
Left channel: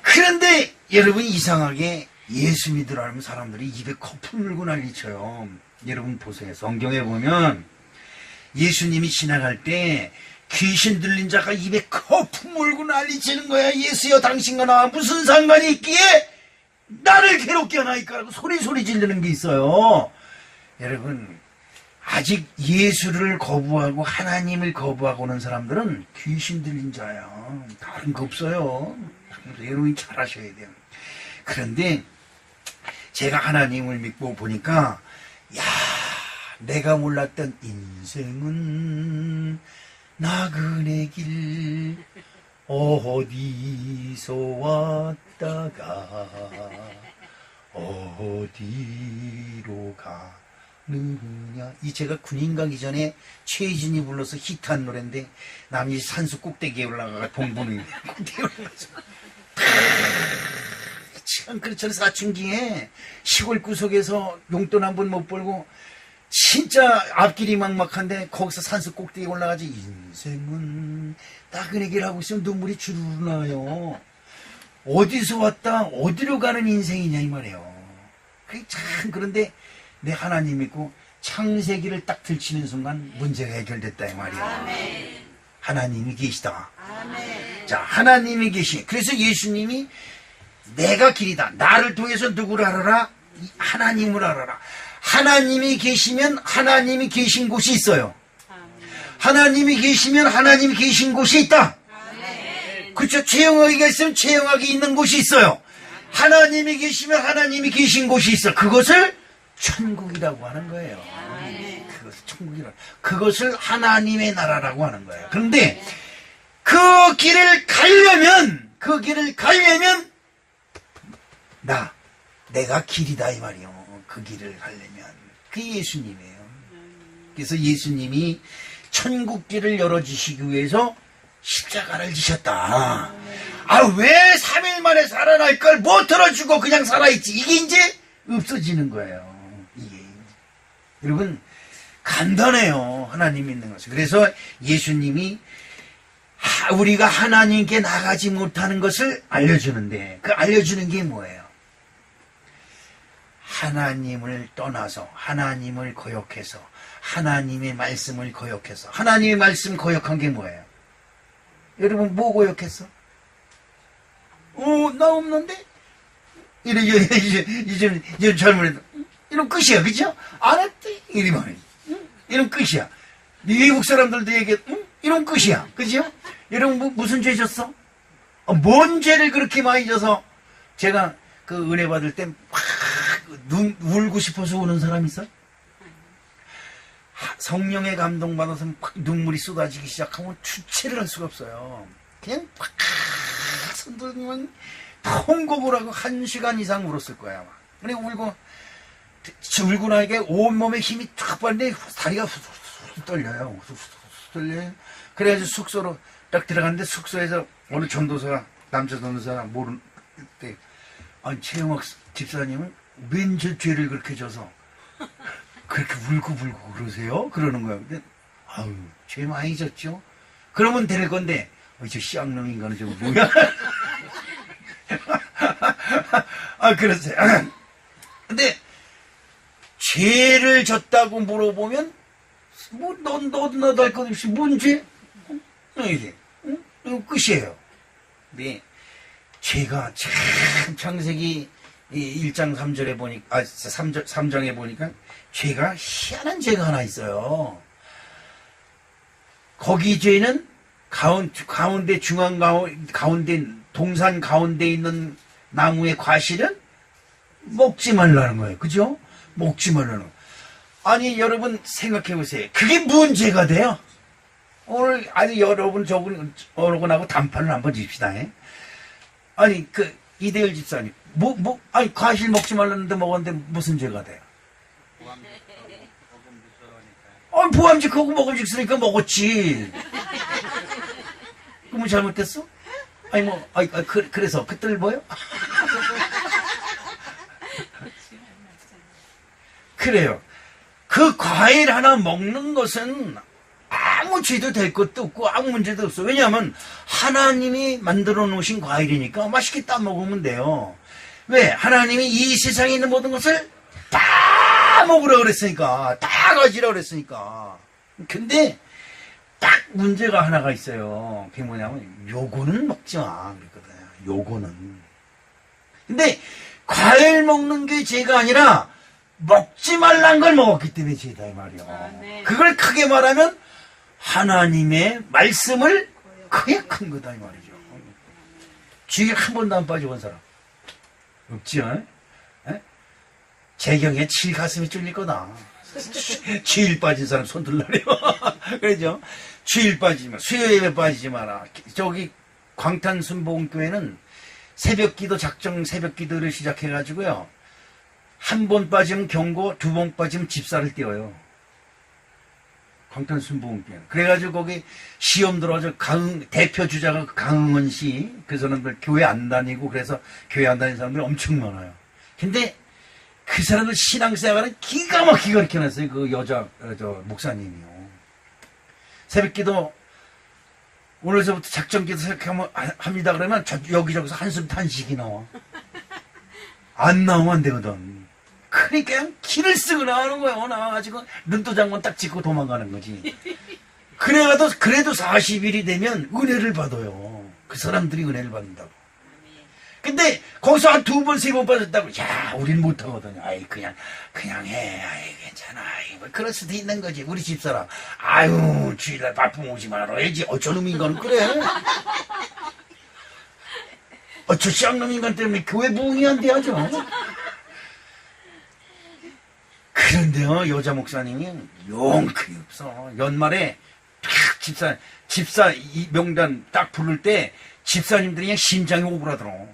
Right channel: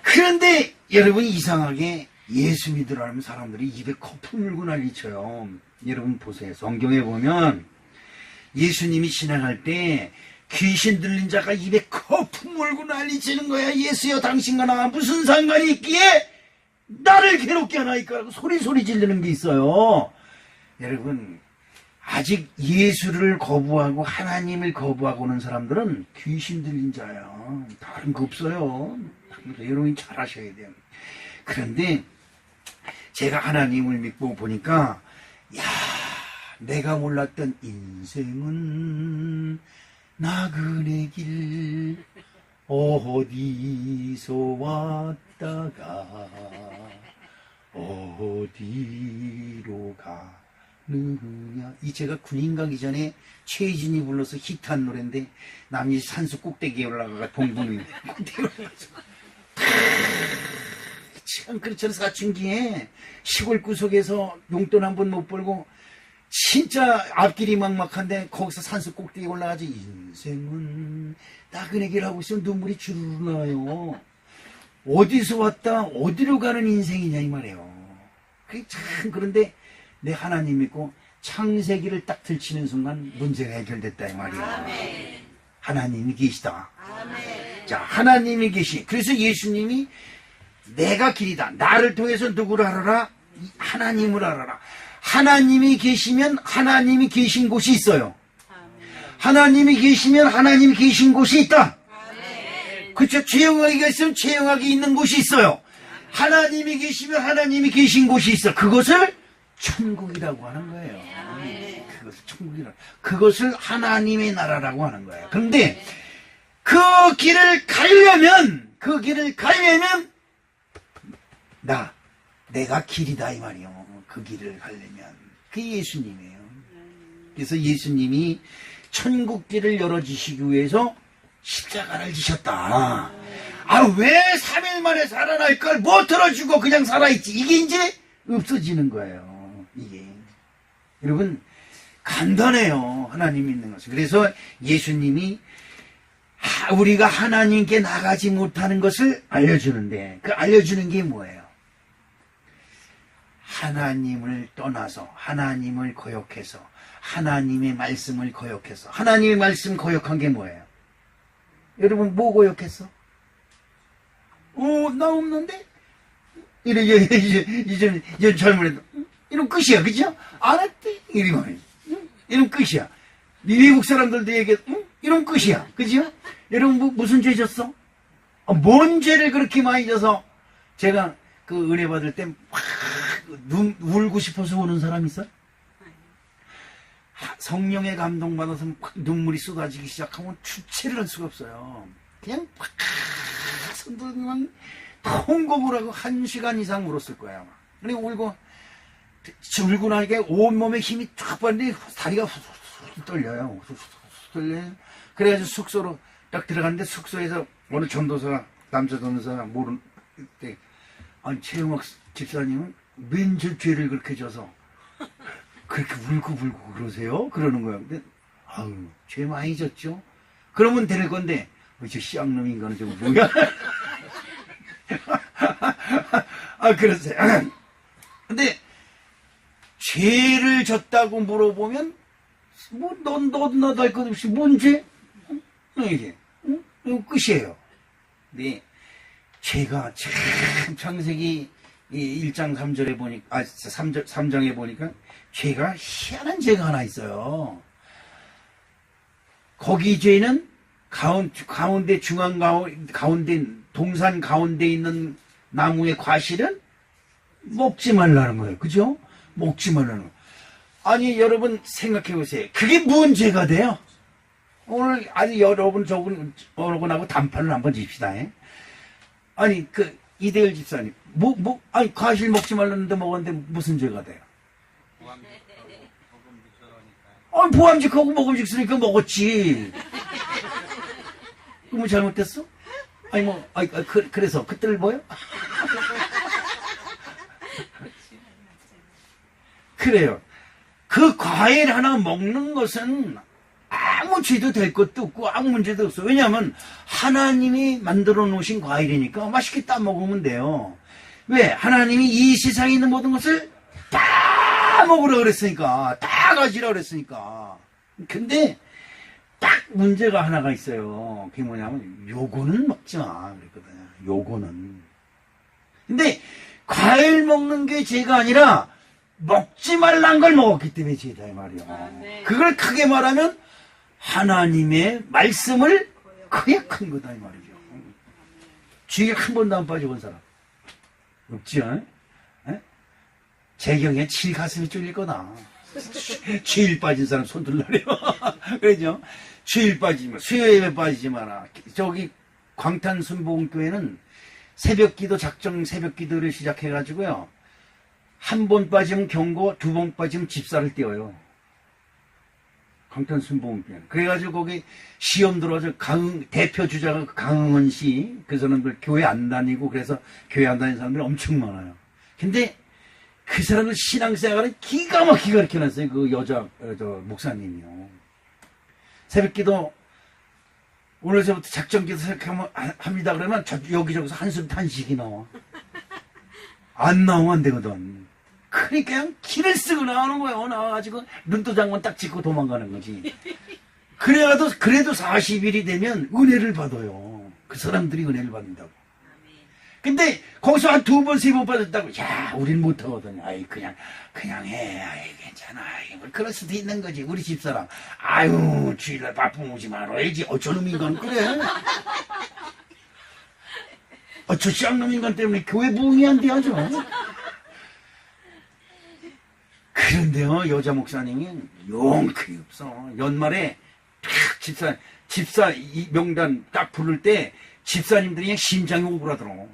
그런데 여러분 이상하게 예수 믿으라는 사람들이 입에 거품 물고 난리쳐요. 여러분 보세요. 성경에 보면 예수님이 지나갈 때 귀신 들린 자가 입에 거품 물고 난리치는 거야. 예수여 당신과 나 무슨 상관이 있기에 나를 괴롭게 하나이까라고 소리 지르는 게 있어요. 여러분 아직 예수를 거부하고 하나님을 거부하고 오는 사람들은 귀신 들린 자야. 다른 거 없어요. 그래서 여러분이 잘 아셔야 돼요. 그런데 제가 하나님을 믿고 보니까 야 내가 몰랐던 인생은 나그네 길 어디서 왔다가 어디로 가느냐. 이 제가 군인 가기 전에 최진이 불러서 히트한 노래인데 남이 산수 꼭대기에 올라가가 동분이 꼭대기에 올라가서 참 그렇잖아요. 사춘기에 시골 구석에서 용돈 한 번 못 벌고 진짜 앞길이 막막한데 거기서 산수 꼭대기에 올라가지. 인생은 나그네 길 하고 있으면 눈물이 주르르 나요. 어디서 왔다 어디로 가는 인생이냐 이 말이에요. 그게 참 그런데 내 하나님 믿고 창세기를 딱 들치는 순간 문제가 해결됐다 이 말이에요. 아멘. 하나님이 계시다. 아멘. 자 하나님이 계시. 그래서 예수님이 내가 길이다. 나를 통해서 누구를 알아라? 하나님을 알아라. 하나님이 계시면 하나님이 계신 곳이 있어요. 하나님이 계시면 하나님이 계신 곳이 있다. 그렇죠. 최영하기가 있으면 최영하기 있는 곳이 있어요. 하나님이 계시면 하나님이 계신 곳이 있어. 그것을 천국이라고 하는 거예요. 그것을 천국이라고. 그것을 하나님의 나라라고 하는 거예요. 그런데 그 길을 가려면 내가 길이다 이 말이요. 그 길을 가려면 그게 예수님이에요. 그래서 예수님이 천국길을 열어주시기 위해서 십자가를 지셨다. 왜 3일 만에 살아날 걸 못 들어주고 그냥 살아있지. 이게 이제 없어지는 거예요. 이게 여러분 간단해요. 하나님 믿는 것은. 그래서 예수님이 우리가 하나님께 나가지 못하는 것을 알려주는데 그 알려주는 게 뭐예요? 하나님을 떠나서 하나님을 거역해서 하나님의 말씀을 거역해서. 하나님의 말씀 거역한 게 뭐예요? 여러분 뭐 거역했어? 나 없는데? 이제 잘못했다. 이런 끝이야, 그죠? 안 했대, 이러면. 이런 끝이야. 미국 사람들도 얘기해, 이런 끝이야, 그죠? 여러분, 무슨 죄 졌어? 뭔 죄를 그렇게 많이 져서 제가 그 은혜 받을 때 막 울고 싶어서 우는 사람 있어? 성령의 감동받아서 막 눈물이 쏟아지기 시작하면 주체를 할 수가 없어요. 그냥 팍 손들면 통곡을 하고 1시간 이상 울었을 거야. 아마. 그래 울고 나니까 온몸에 힘이 쫙 빠는데 다리가 후후후 떨려요. 떨려요. 그래가지고 숙소로 딱 들어갔는데 숙소에서 어느 전도사, 남자 전도사 모르는 때, 아니 최영학 집사님은 왠지 죄를 그렇게 져서 그렇게 울고 그러세요? 그러는 거예요. 근데 아유 죄 많이 졌죠. 그러면 될 건데 저 쌍놈 인간은 저거 뭐야? 아 그러세요. 근데 죄를 졌다고 물어보면 뭐 너도 할 것 없이 뭔 죄? 이게 이거 끝이에요. 네, 죄가 참 창세기 1장 3절에 보니까 3장에 보니까 죄가 희한한 죄가 하나 있어요. 거기 죄는 가운데 중앙 가운데 동산 가운데 있는 나무의 과실은 먹지 말라는 거예요. 그죠? 먹지 말라는 거. 아니 여러분 생각해 보세요. 그게 뭔 죄가 돼요? 오늘 아니 여러분하고 단판을 한번 칩시다. 아니 이대열 집사님 아니 과실 먹지 말라는데 먹었는데 무슨 죄가 돼요? 보암직하고 먹음직스러니까 먹었지. 그러면 잘못됐어? 아니 그래서 그들 뭐요? 그래요. 그 과일 하나 먹는 것은 아무 죄도 될 것도 없고 아무 문제도 없어. 왜냐하면 하나님이 만들어 놓으신 과일이니까 맛있게 따 먹으면 돼요. 왜? 하나님이 이 세상에 있는 모든 것을 다 먹으라 그랬으니까, 다 가지라 그랬으니까. 근데 딱 문제가 하나가 있어요. 그게 뭐냐면 요거는 먹지 마 그랬거든요. 요거는. 근데 과일 먹는 게 죄가 아니라 먹지 말란 걸 먹었기 때문에 죄다 이 말이야. 네. 그걸 크게 말하면 하나님의 말씀을 거역한 거다 이 말이죠. 주일 한 번도 안 빠져본 사람 없지요? 재경에 칠 가슴이 쫄릴 거다. 주일 빠진 사람 손 들라래요. 그러죠? 주일 빠지지 마. 수요일에 빠지지 마라. 저기 광탄순복음교회는 새벽기도 작정 새벽기도를 시작해가지고요. 한 번 빠지면 경고, 2번 빠지면 집사를 띄워요. 광탄순복음교회. 그래가지고 거기 시험 들어가서 대표 주자가 강흥원 씨, 그 사람들 교회 안 다니고 그래서 교회 안 다니는 사람들이 엄청 많아요. 근데 그 사람들 신앙생활은 기가 막히게 가르쳐놨어요. 그 목사님이요. 새벽기도 오늘서부터 작정기도 합니다. 그러면 여기저기서 한숨 탄식이 나와. 안 나오면 안 되거든. 그러니까 그냥 길을 쓰고 나오는 거예요. 나와가지고 눈도장만 딱 찍고 도망가는 거지. 그래도 40일이 되면 은혜를 받아요. 그 사람들이 은혜를 받는다고. 근데 거기서 한 2번, 3번 빠졌다고. 야, 우린 못하거든요. 아이, 그냥 해. 아이, 괜찮아. 아이, 뭐 그럴 수도 있는 거지. 우리 집사람. 아유, 주일날 바쁘면 오지 말아야지. 저놈 인간은 그래. 저 쌍놈 인간 때문에 교회 부흥이 안 돼야죠. 그런데요, 여자 목사님이 용크이 없어. 연말에 탁 집사 명단 딱 부를 때 집사님들이 그냥 심장이 오그라들어.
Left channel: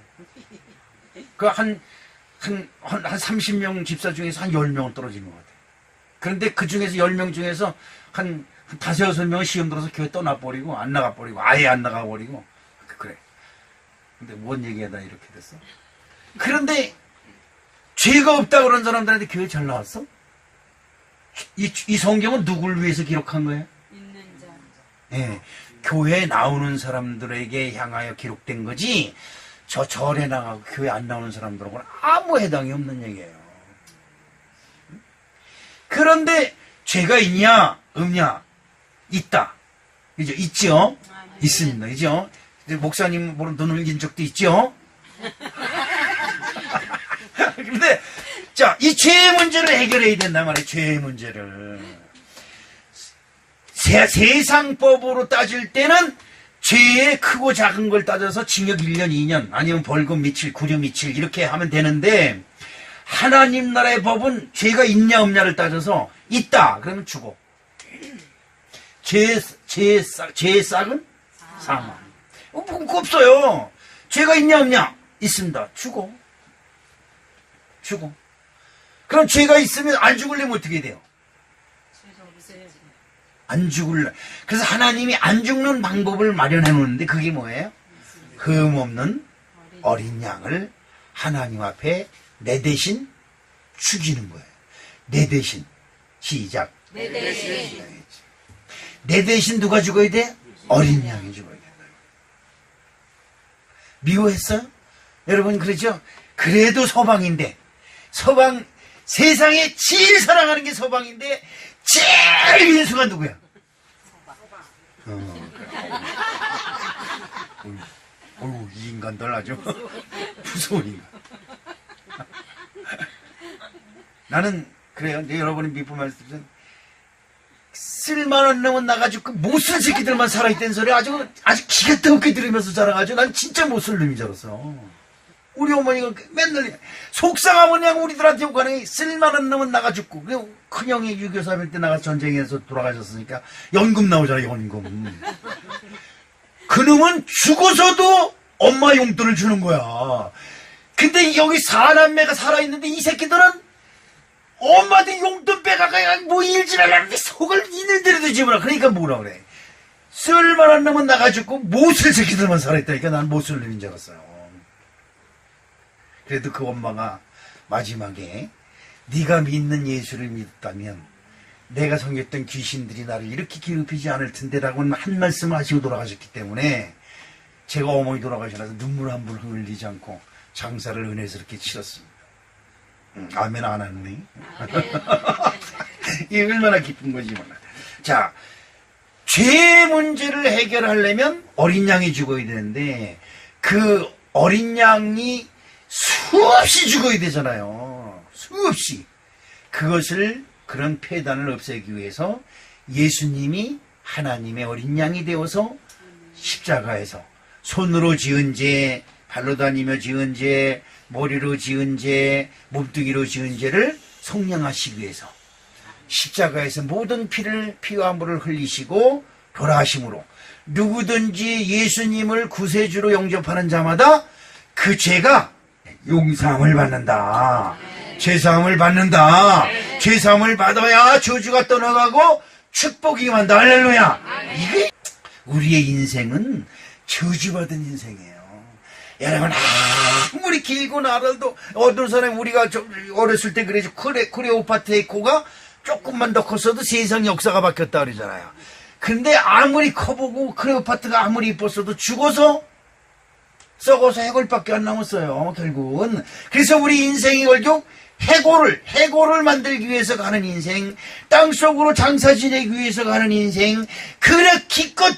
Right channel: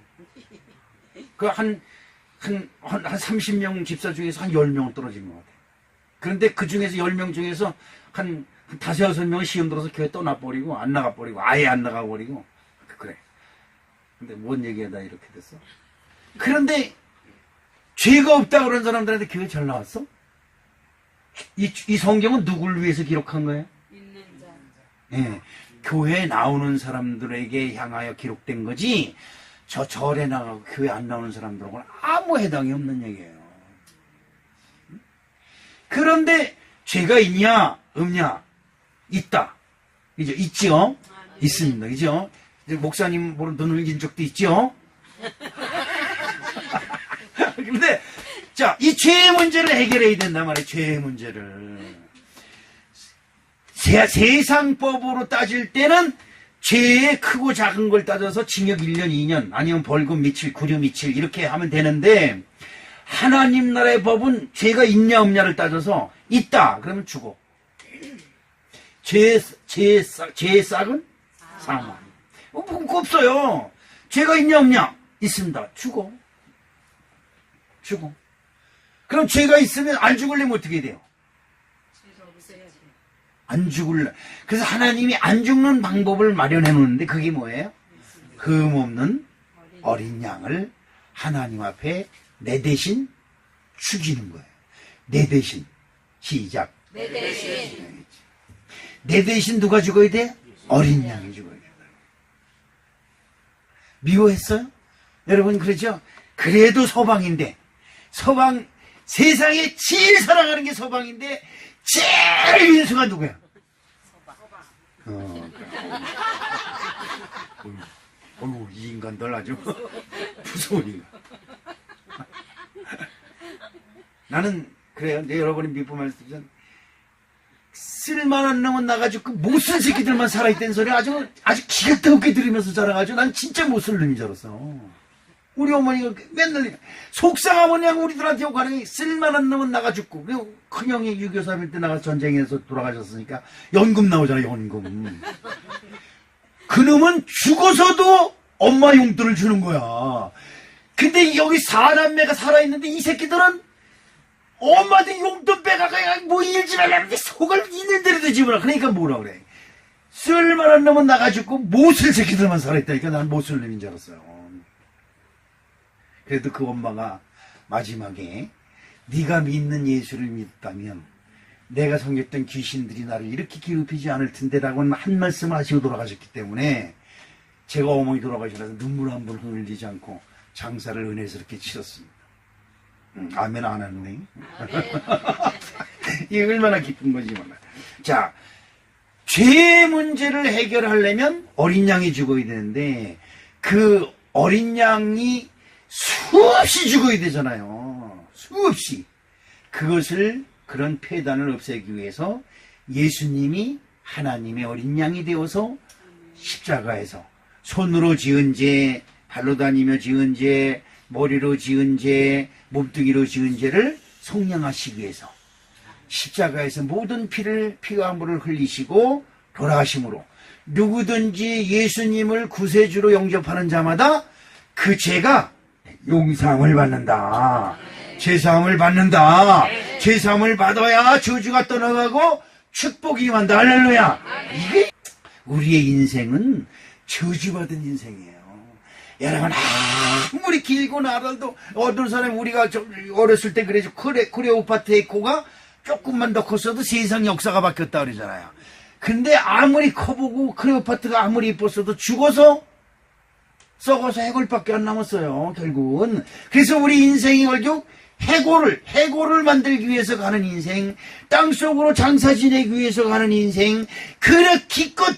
한 30명 집사 중에서 한 10명은 떨어지는 것 같아. 그런데 그 중에서 10명 중에서 한 5, 6명은 시험 들어서 교회 떠나버리고, 안 나가버리고, 아예 안 나가버리고. 그래. 근데 뭔 얘기하다 이렇게 됐어? 그런데 죄가 없다고 그런 사람들한테 교회 잘 나왔어? 이 성경은 누굴 위해서 기록한 거예요? 있는 자. 예. 교회에 나오는 사람들에게 향하여 기록된 거지, 저 절에 나가고 교회 안 나오는 사람들하고는 아무 해당이 없는 얘기예요. 그런데 죄가 있냐 없냐? 있다. 이제 있죠? 있습니다. 그죠? 목사님 보러 눈을 긴 적도 있죠? 근데 자, 이 죄의 문제를 해결해야 된단 말이에요. 죄의 문제를. 세상법으로 따질 때는 죄의 크고 작은 걸 따져서 징역 1년, 2년, 아니면 벌금 며칠, 구류 며칠 이렇게 하면 되는데, 하나님 나라의 법은 죄가 있냐 없냐를 따져서 있다 그러면 죽어. 죄의 싹은 사망. 없어요. 죄가 있냐 없냐 있습니다. 죽어. 그럼 죄가 있으면 안 죽으려면 어떻게 돼요? 안 죽을래. 그래서 하나님이 안 죽는 방법을 마련해 놓는데 그게 뭐예요? 흠 없는 어린 양을 하나님 앞에 내 대신 죽이는 거예요. 내 대신. 시작. 내 대신 누가 죽어야 돼? 어린 양이 죽어야 돼. 미워했어요? 여러분 그러죠? 그래도 서방인데, 세상에 제일 사랑하는 게 서방인데 제일 인수가 누구야? 어이구, 이 인간들 아주 무서운 인간. 나는 그래요. 근데 여러분이 믿고 말씀드리면 쓸만한 놈은 나가지고 그 못쓸 새끼들만 살아있다는 소리 아주 기가 뜨겁게 들으면서 자라가지고 난 진짜 못쓸 놈인 줄 알았어. 우리 어머니가 맨날 속상하면 그냥 우리들한테 욕하는 쓸만한 놈은 나가 죽고, 큰형이 6.25 때 나가 전쟁에서 돌아가셨으니까 연금 나오잖아요. 연금. 그 놈은 죽어서도 엄마 용돈을 주는 거야. 근데 여기 4남매가 살아있는데 이 새끼들은 엄마한테 용돈 빼가가 뭐 일지 말라는데 속을 있는 대로 되지 뭐라. 그러니까 뭐라 그래. 쓸만한 놈은 나가 죽고 못 쓸 새끼들만 살아있다니까 난 못 쓸 놈인 줄 알았어요. 그래도 그 엄마가 마지막에 네가 믿는 예수를 믿었다면 내가 섬겼던 귀신들이 나를 이렇게 괴롭히지 않을 텐데라고 한 말씀을 하시고 돌아가셨기 때문에 제가 어머니 돌아가셔서 눈물 한 번 흘리지 않고 장사를 은혜스럽게 치렀습니다. 아멘 안 하네. 이게 얼마나 기쁜 건지 몰라. 자, 죄의 문제를 해결하려면 어린 양이 죽어야 되는데 그 어린 양이 수없이 죽어야 되잖아요. 수없이. 그런 폐단을 없애기 위해서 예수님이 하나님의 어린 양이 되어서 십자가에서 손으로 지은 죄, 발로 다니며 지은 죄, 머리로 지은 죄, 몸뚱이로 지은 죄를 속량하시기 위해서 십자가에서 모든 피와 물을 흘리시고 돌아가심으로 누구든지 예수님을 구세주로 영접하는 자마다 그 죄가 용서함을 받는다. 죄사함을 받는다. 죄사함을 받아야 저주가 떠나가고 축복이 임한다. 할렐루야. 이게 우리의 인생은 저주받은 인생이에요. 여러분 아무리 길고 나라도 어떤 사람이 우리가 좀 어렸을 때 그래서 클레오파트 에코가 조금만 더 컸어도 세상 역사가 바뀌었다 그러잖아요. 근데 아무리 커보고 클레오파트가 아무리 이뻤어도 죽어서 썩어서 해골밖에 안 남았어요. 결국은. 그래서 우리 인생이 결국 해골을 만들기 위해서 가는 인생, 땅속으로 장사 지내기 위해서 가는 인생, 그래 기껏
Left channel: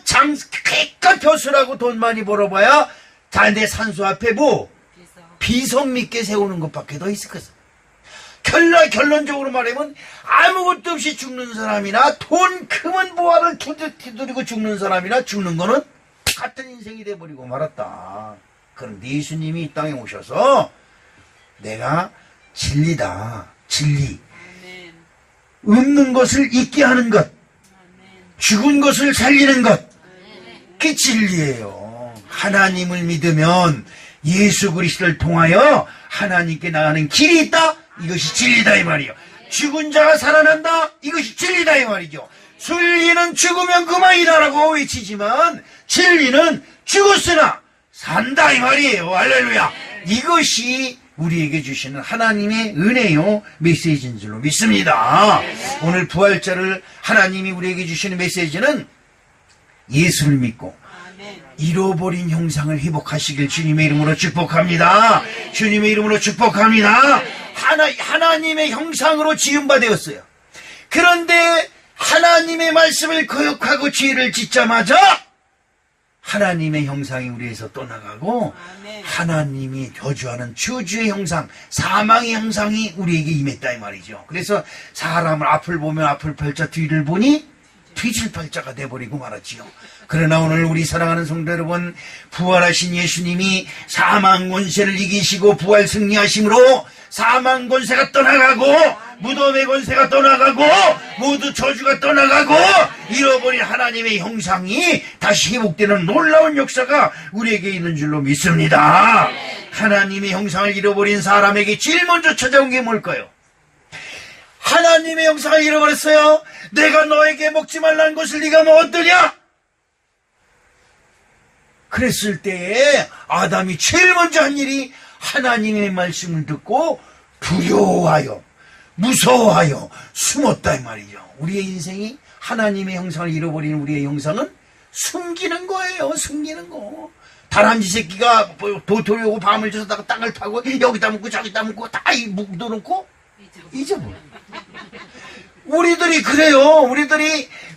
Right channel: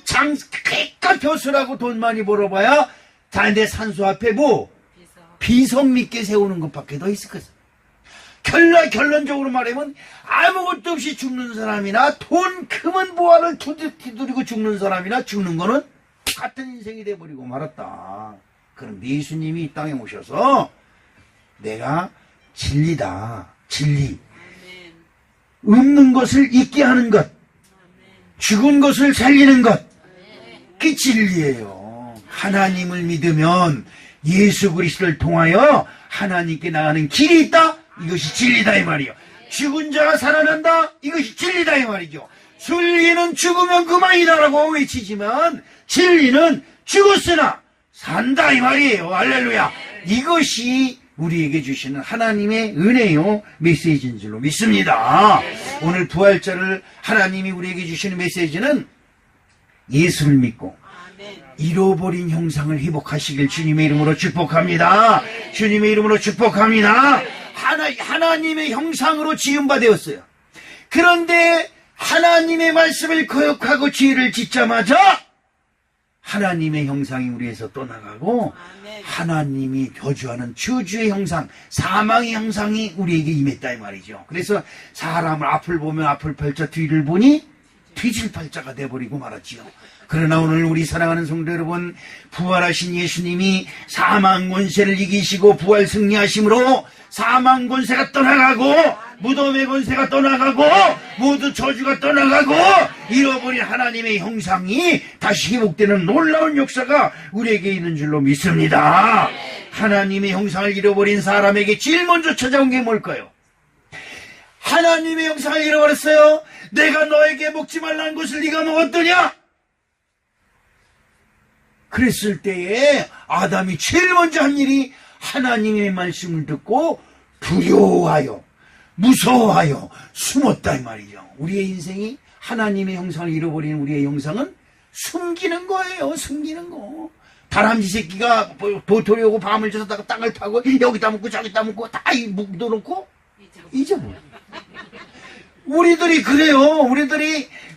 벼슬하고 돈 많이 벌어봐야 다 내 산소 앞에 비석 믿게 세우는 것밖에 더 있을 것이다. 결론적으로 말하면 아무것도 없이 죽는 사람이나 돈 크면 보화를 두드리고 죽는 사람이나 죽는 거는 같은 인생이 돼버리고 말았다. 그럼 예수님이 이 땅에 오셔서 내가 진리다. 진리. 없는 것을 있게 하는 것. 죽은 것을 살리는 것. 그게 진리예요. 하나님을 믿으면 예수 그리스도를 통하여 하나님께 나가는 길이 있다. 이것이 진리다 이 말이에요. 죽은 자가 살아난다. 이것이 진리다 이 말이죠. 진리는 죽으면 그만이다라고 외치지만 진리는 죽었으나 산다 이 말이에요. 할렐루야. 이것이 우리에게 주시는 하나님의 은혜요 메시지인 줄로 믿습니다. 오늘 부활절을 하나님이 우리에게 주시는 메시지는 예수를 믿고 잃어버린 형상을 회복하시길 주님의 이름으로 축복합니다. 주님의 이름으로 축복합니다. 하나님의 형상으로 지음바 되었어요. 그런데 하나님의 말씀을 거역하고 죄를 짓자마자 하나님의 형상이 우리에서 떠나가고 하나님이 저주하는 저주의 형상, 사망의 형상이 우리에게 임했다 이 말이죠. 그래서 사람을 앞을 보면 앞을 펼쳐 뒤를 보니 뒤질팔자가 돼버리고 말았지요. 그러나 오늘 우리 사랑하는 성도 여러분, 부활하신 예수님이 사망 권세를 이기시고 부활 승리하심으로 사망 권세가 떠나가고 무덤의 권세가 떠나가고 모두 저주가 떠나가고 잃어버린 하나님의 형상이 다시 회복되는 놀라운 역사가 우리에게 있는 줄로 믿습니다. 하나님의 형상을 잃어버린 사람에게 제일 먼저 찾아온 게 뭘까요? 하나님의 형상을 잃어버렸어요. 내가 너에게 먹지 말라는 것을 네가 먹었더냐? 그랬을 때에 아담이 제일 먼저 한 일이 하나님의 말씀을 듣고 두려워하여 무서워하여 숨었다 이 말이죠. 우리의 인생이 하나님의 형상을 잃어버린 우리의 형상은 숨기는 거예요. 숨기는 거. 다람쥐 새끼가 도토리하고 밤을 져서 땅을 파고 여기다 묻고 저기다 묻고 다 묻어놓고 잊어버려. 우리들이 그래요.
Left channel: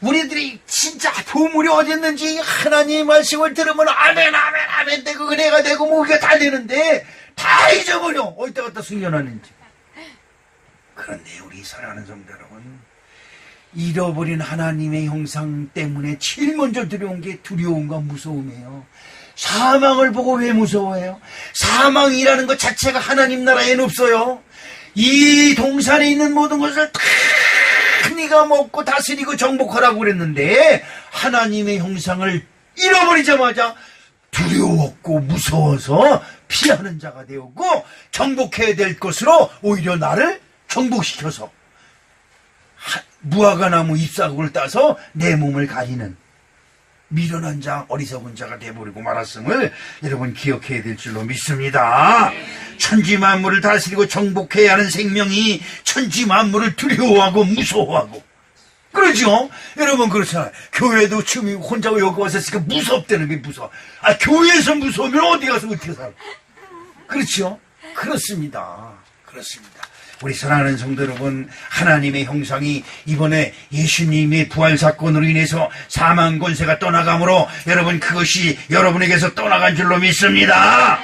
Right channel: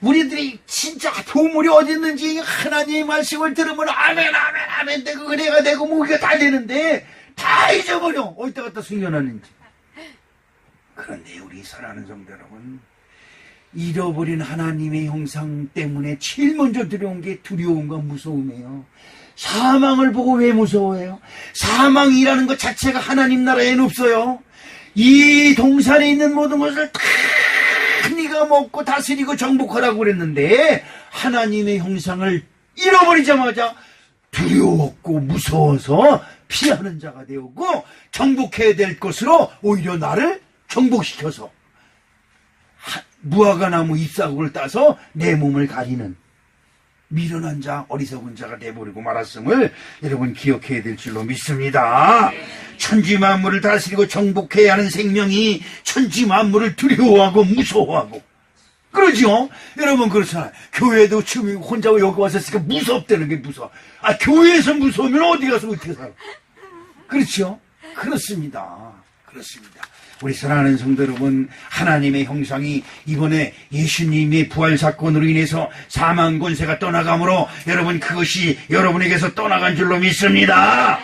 우리들이 진짜 보물이 어디 있는지 하나님의 말씀을 들으면 아멘 아멘 아멘 되고 은혜가 되고 무기가 다 되는데 다 잊어버려. 어디다 갖다 숨겨놨는지. 그런데 우리 사랑하는 성도 여러분, 잃어버린 하나님의 형상 때문에 제일 먼저 들어온 게 두려움과 무서움이에요. 사망을 보고 왜 무서워해요? 사망이라는 것 자체가 하나님 나라에는 없어요. 이 동산에 있는 모든 것을 다 네가 먹고 다스리고 정복하라고 그랬는데 하나님의 형상을 잃어버리자마자 두려웠고 무서워서 피하는 자가 되었고 정복해야 될 것으로 오히려 나를 정복시켜서 무화과나무 잎사귀를 따서 내 몸을 가리는 미련한 자, 어리석은 자가 되어버리고 말았음을 여러분 기억해야 될 줄로 믿습니다. 천지 만물을 다스리고 정복해야 하는 생명이 천지 만물을 두려워하고 무서워하고 그러죠? 여러분 그렇잖아요. 교회도 지금 혼자 여기 와서 있으니까 무섭다는 게 무서워. 아, 교회에서 무서우면 어디 가서 어떻게 살아? 그렇죠? 그렇습니다. 그렇습니다. 우리 사랑하는 성도 여러분, 하나님의 형상이 이번에 예수님의 부활 사건으로 인해서 사망 권세가 떠나가므로 여러분 그것이 여러분에게서 떠나간 줄로 믿습니다.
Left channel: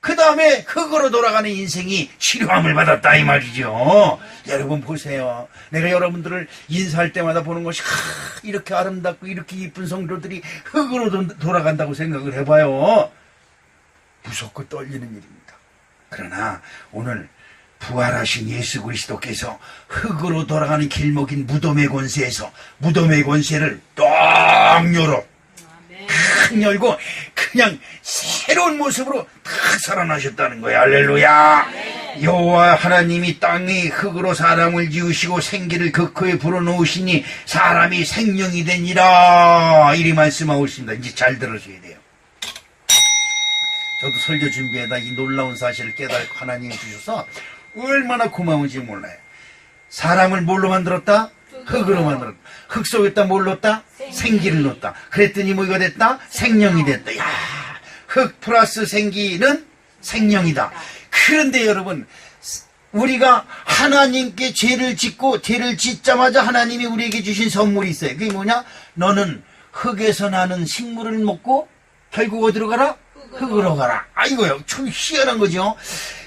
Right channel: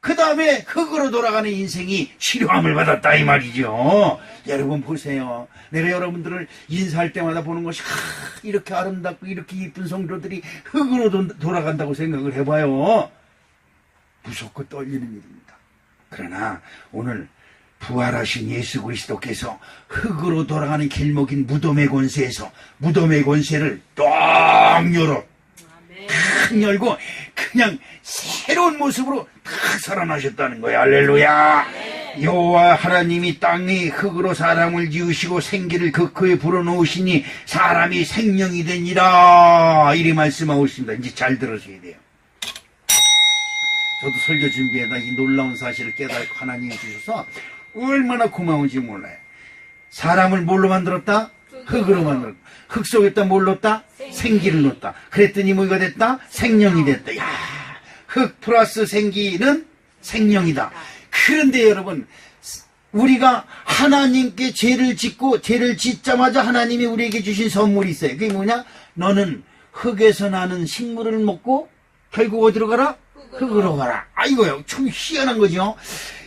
그 다음에 흙으로 돌아가는 인생이 치료함을 받았다 이 말이죠. 여러분 보세요. 내가 여러분들을 인사할 때마다 보는 것이 이렇게 아름답고 이렇게 이쁜 성도들이 흙으로 돌아간다고 생각을 해봐요. 무섭고 떨리는 일입니다. 그러나 오늘 부활하신 예수 그리스도께서 흙으로 돌아가는 길목인 무덤의 권세에서 무덤의 권세를 딱 열어 탁 열고 그냥 새로운 모습으로 탁 살아나셨다는 거예요. 할렐루야. 여호와 하나님이 땅에 흙으로 사람을 지으시고 생기를 그 코에 불어넣으시니 사람이 생명이 되니라 이리 말씀하고 있습니다. 이제 잘 들으셔야 돼요. 저도 설교 준비에다 이 놀라운 사실을 깨닫고 하나님이 주셔서 얼마나 고마운지 몰라요. 사람을 뭘로 만들었다? 흙으로 만들었다. 흙 속에다 뭘 넣었다? 생기를 넣었다. 그랬더니 뭐가 됐다? 생명이 됐다. 야, 흙 플러스 생기는 생명이다. 그런데 여러분, 우리가 하나님께 죄를 짓고 죄를 짓자마자 하나님이 우리에게 주신 선물이 있어요. 그게 뭐냐? 너는 흙에서 나는 식물을 먹고 결국 어디로 가라? 흙으로 가라. 아, 이거요. 참 희한한 거죠.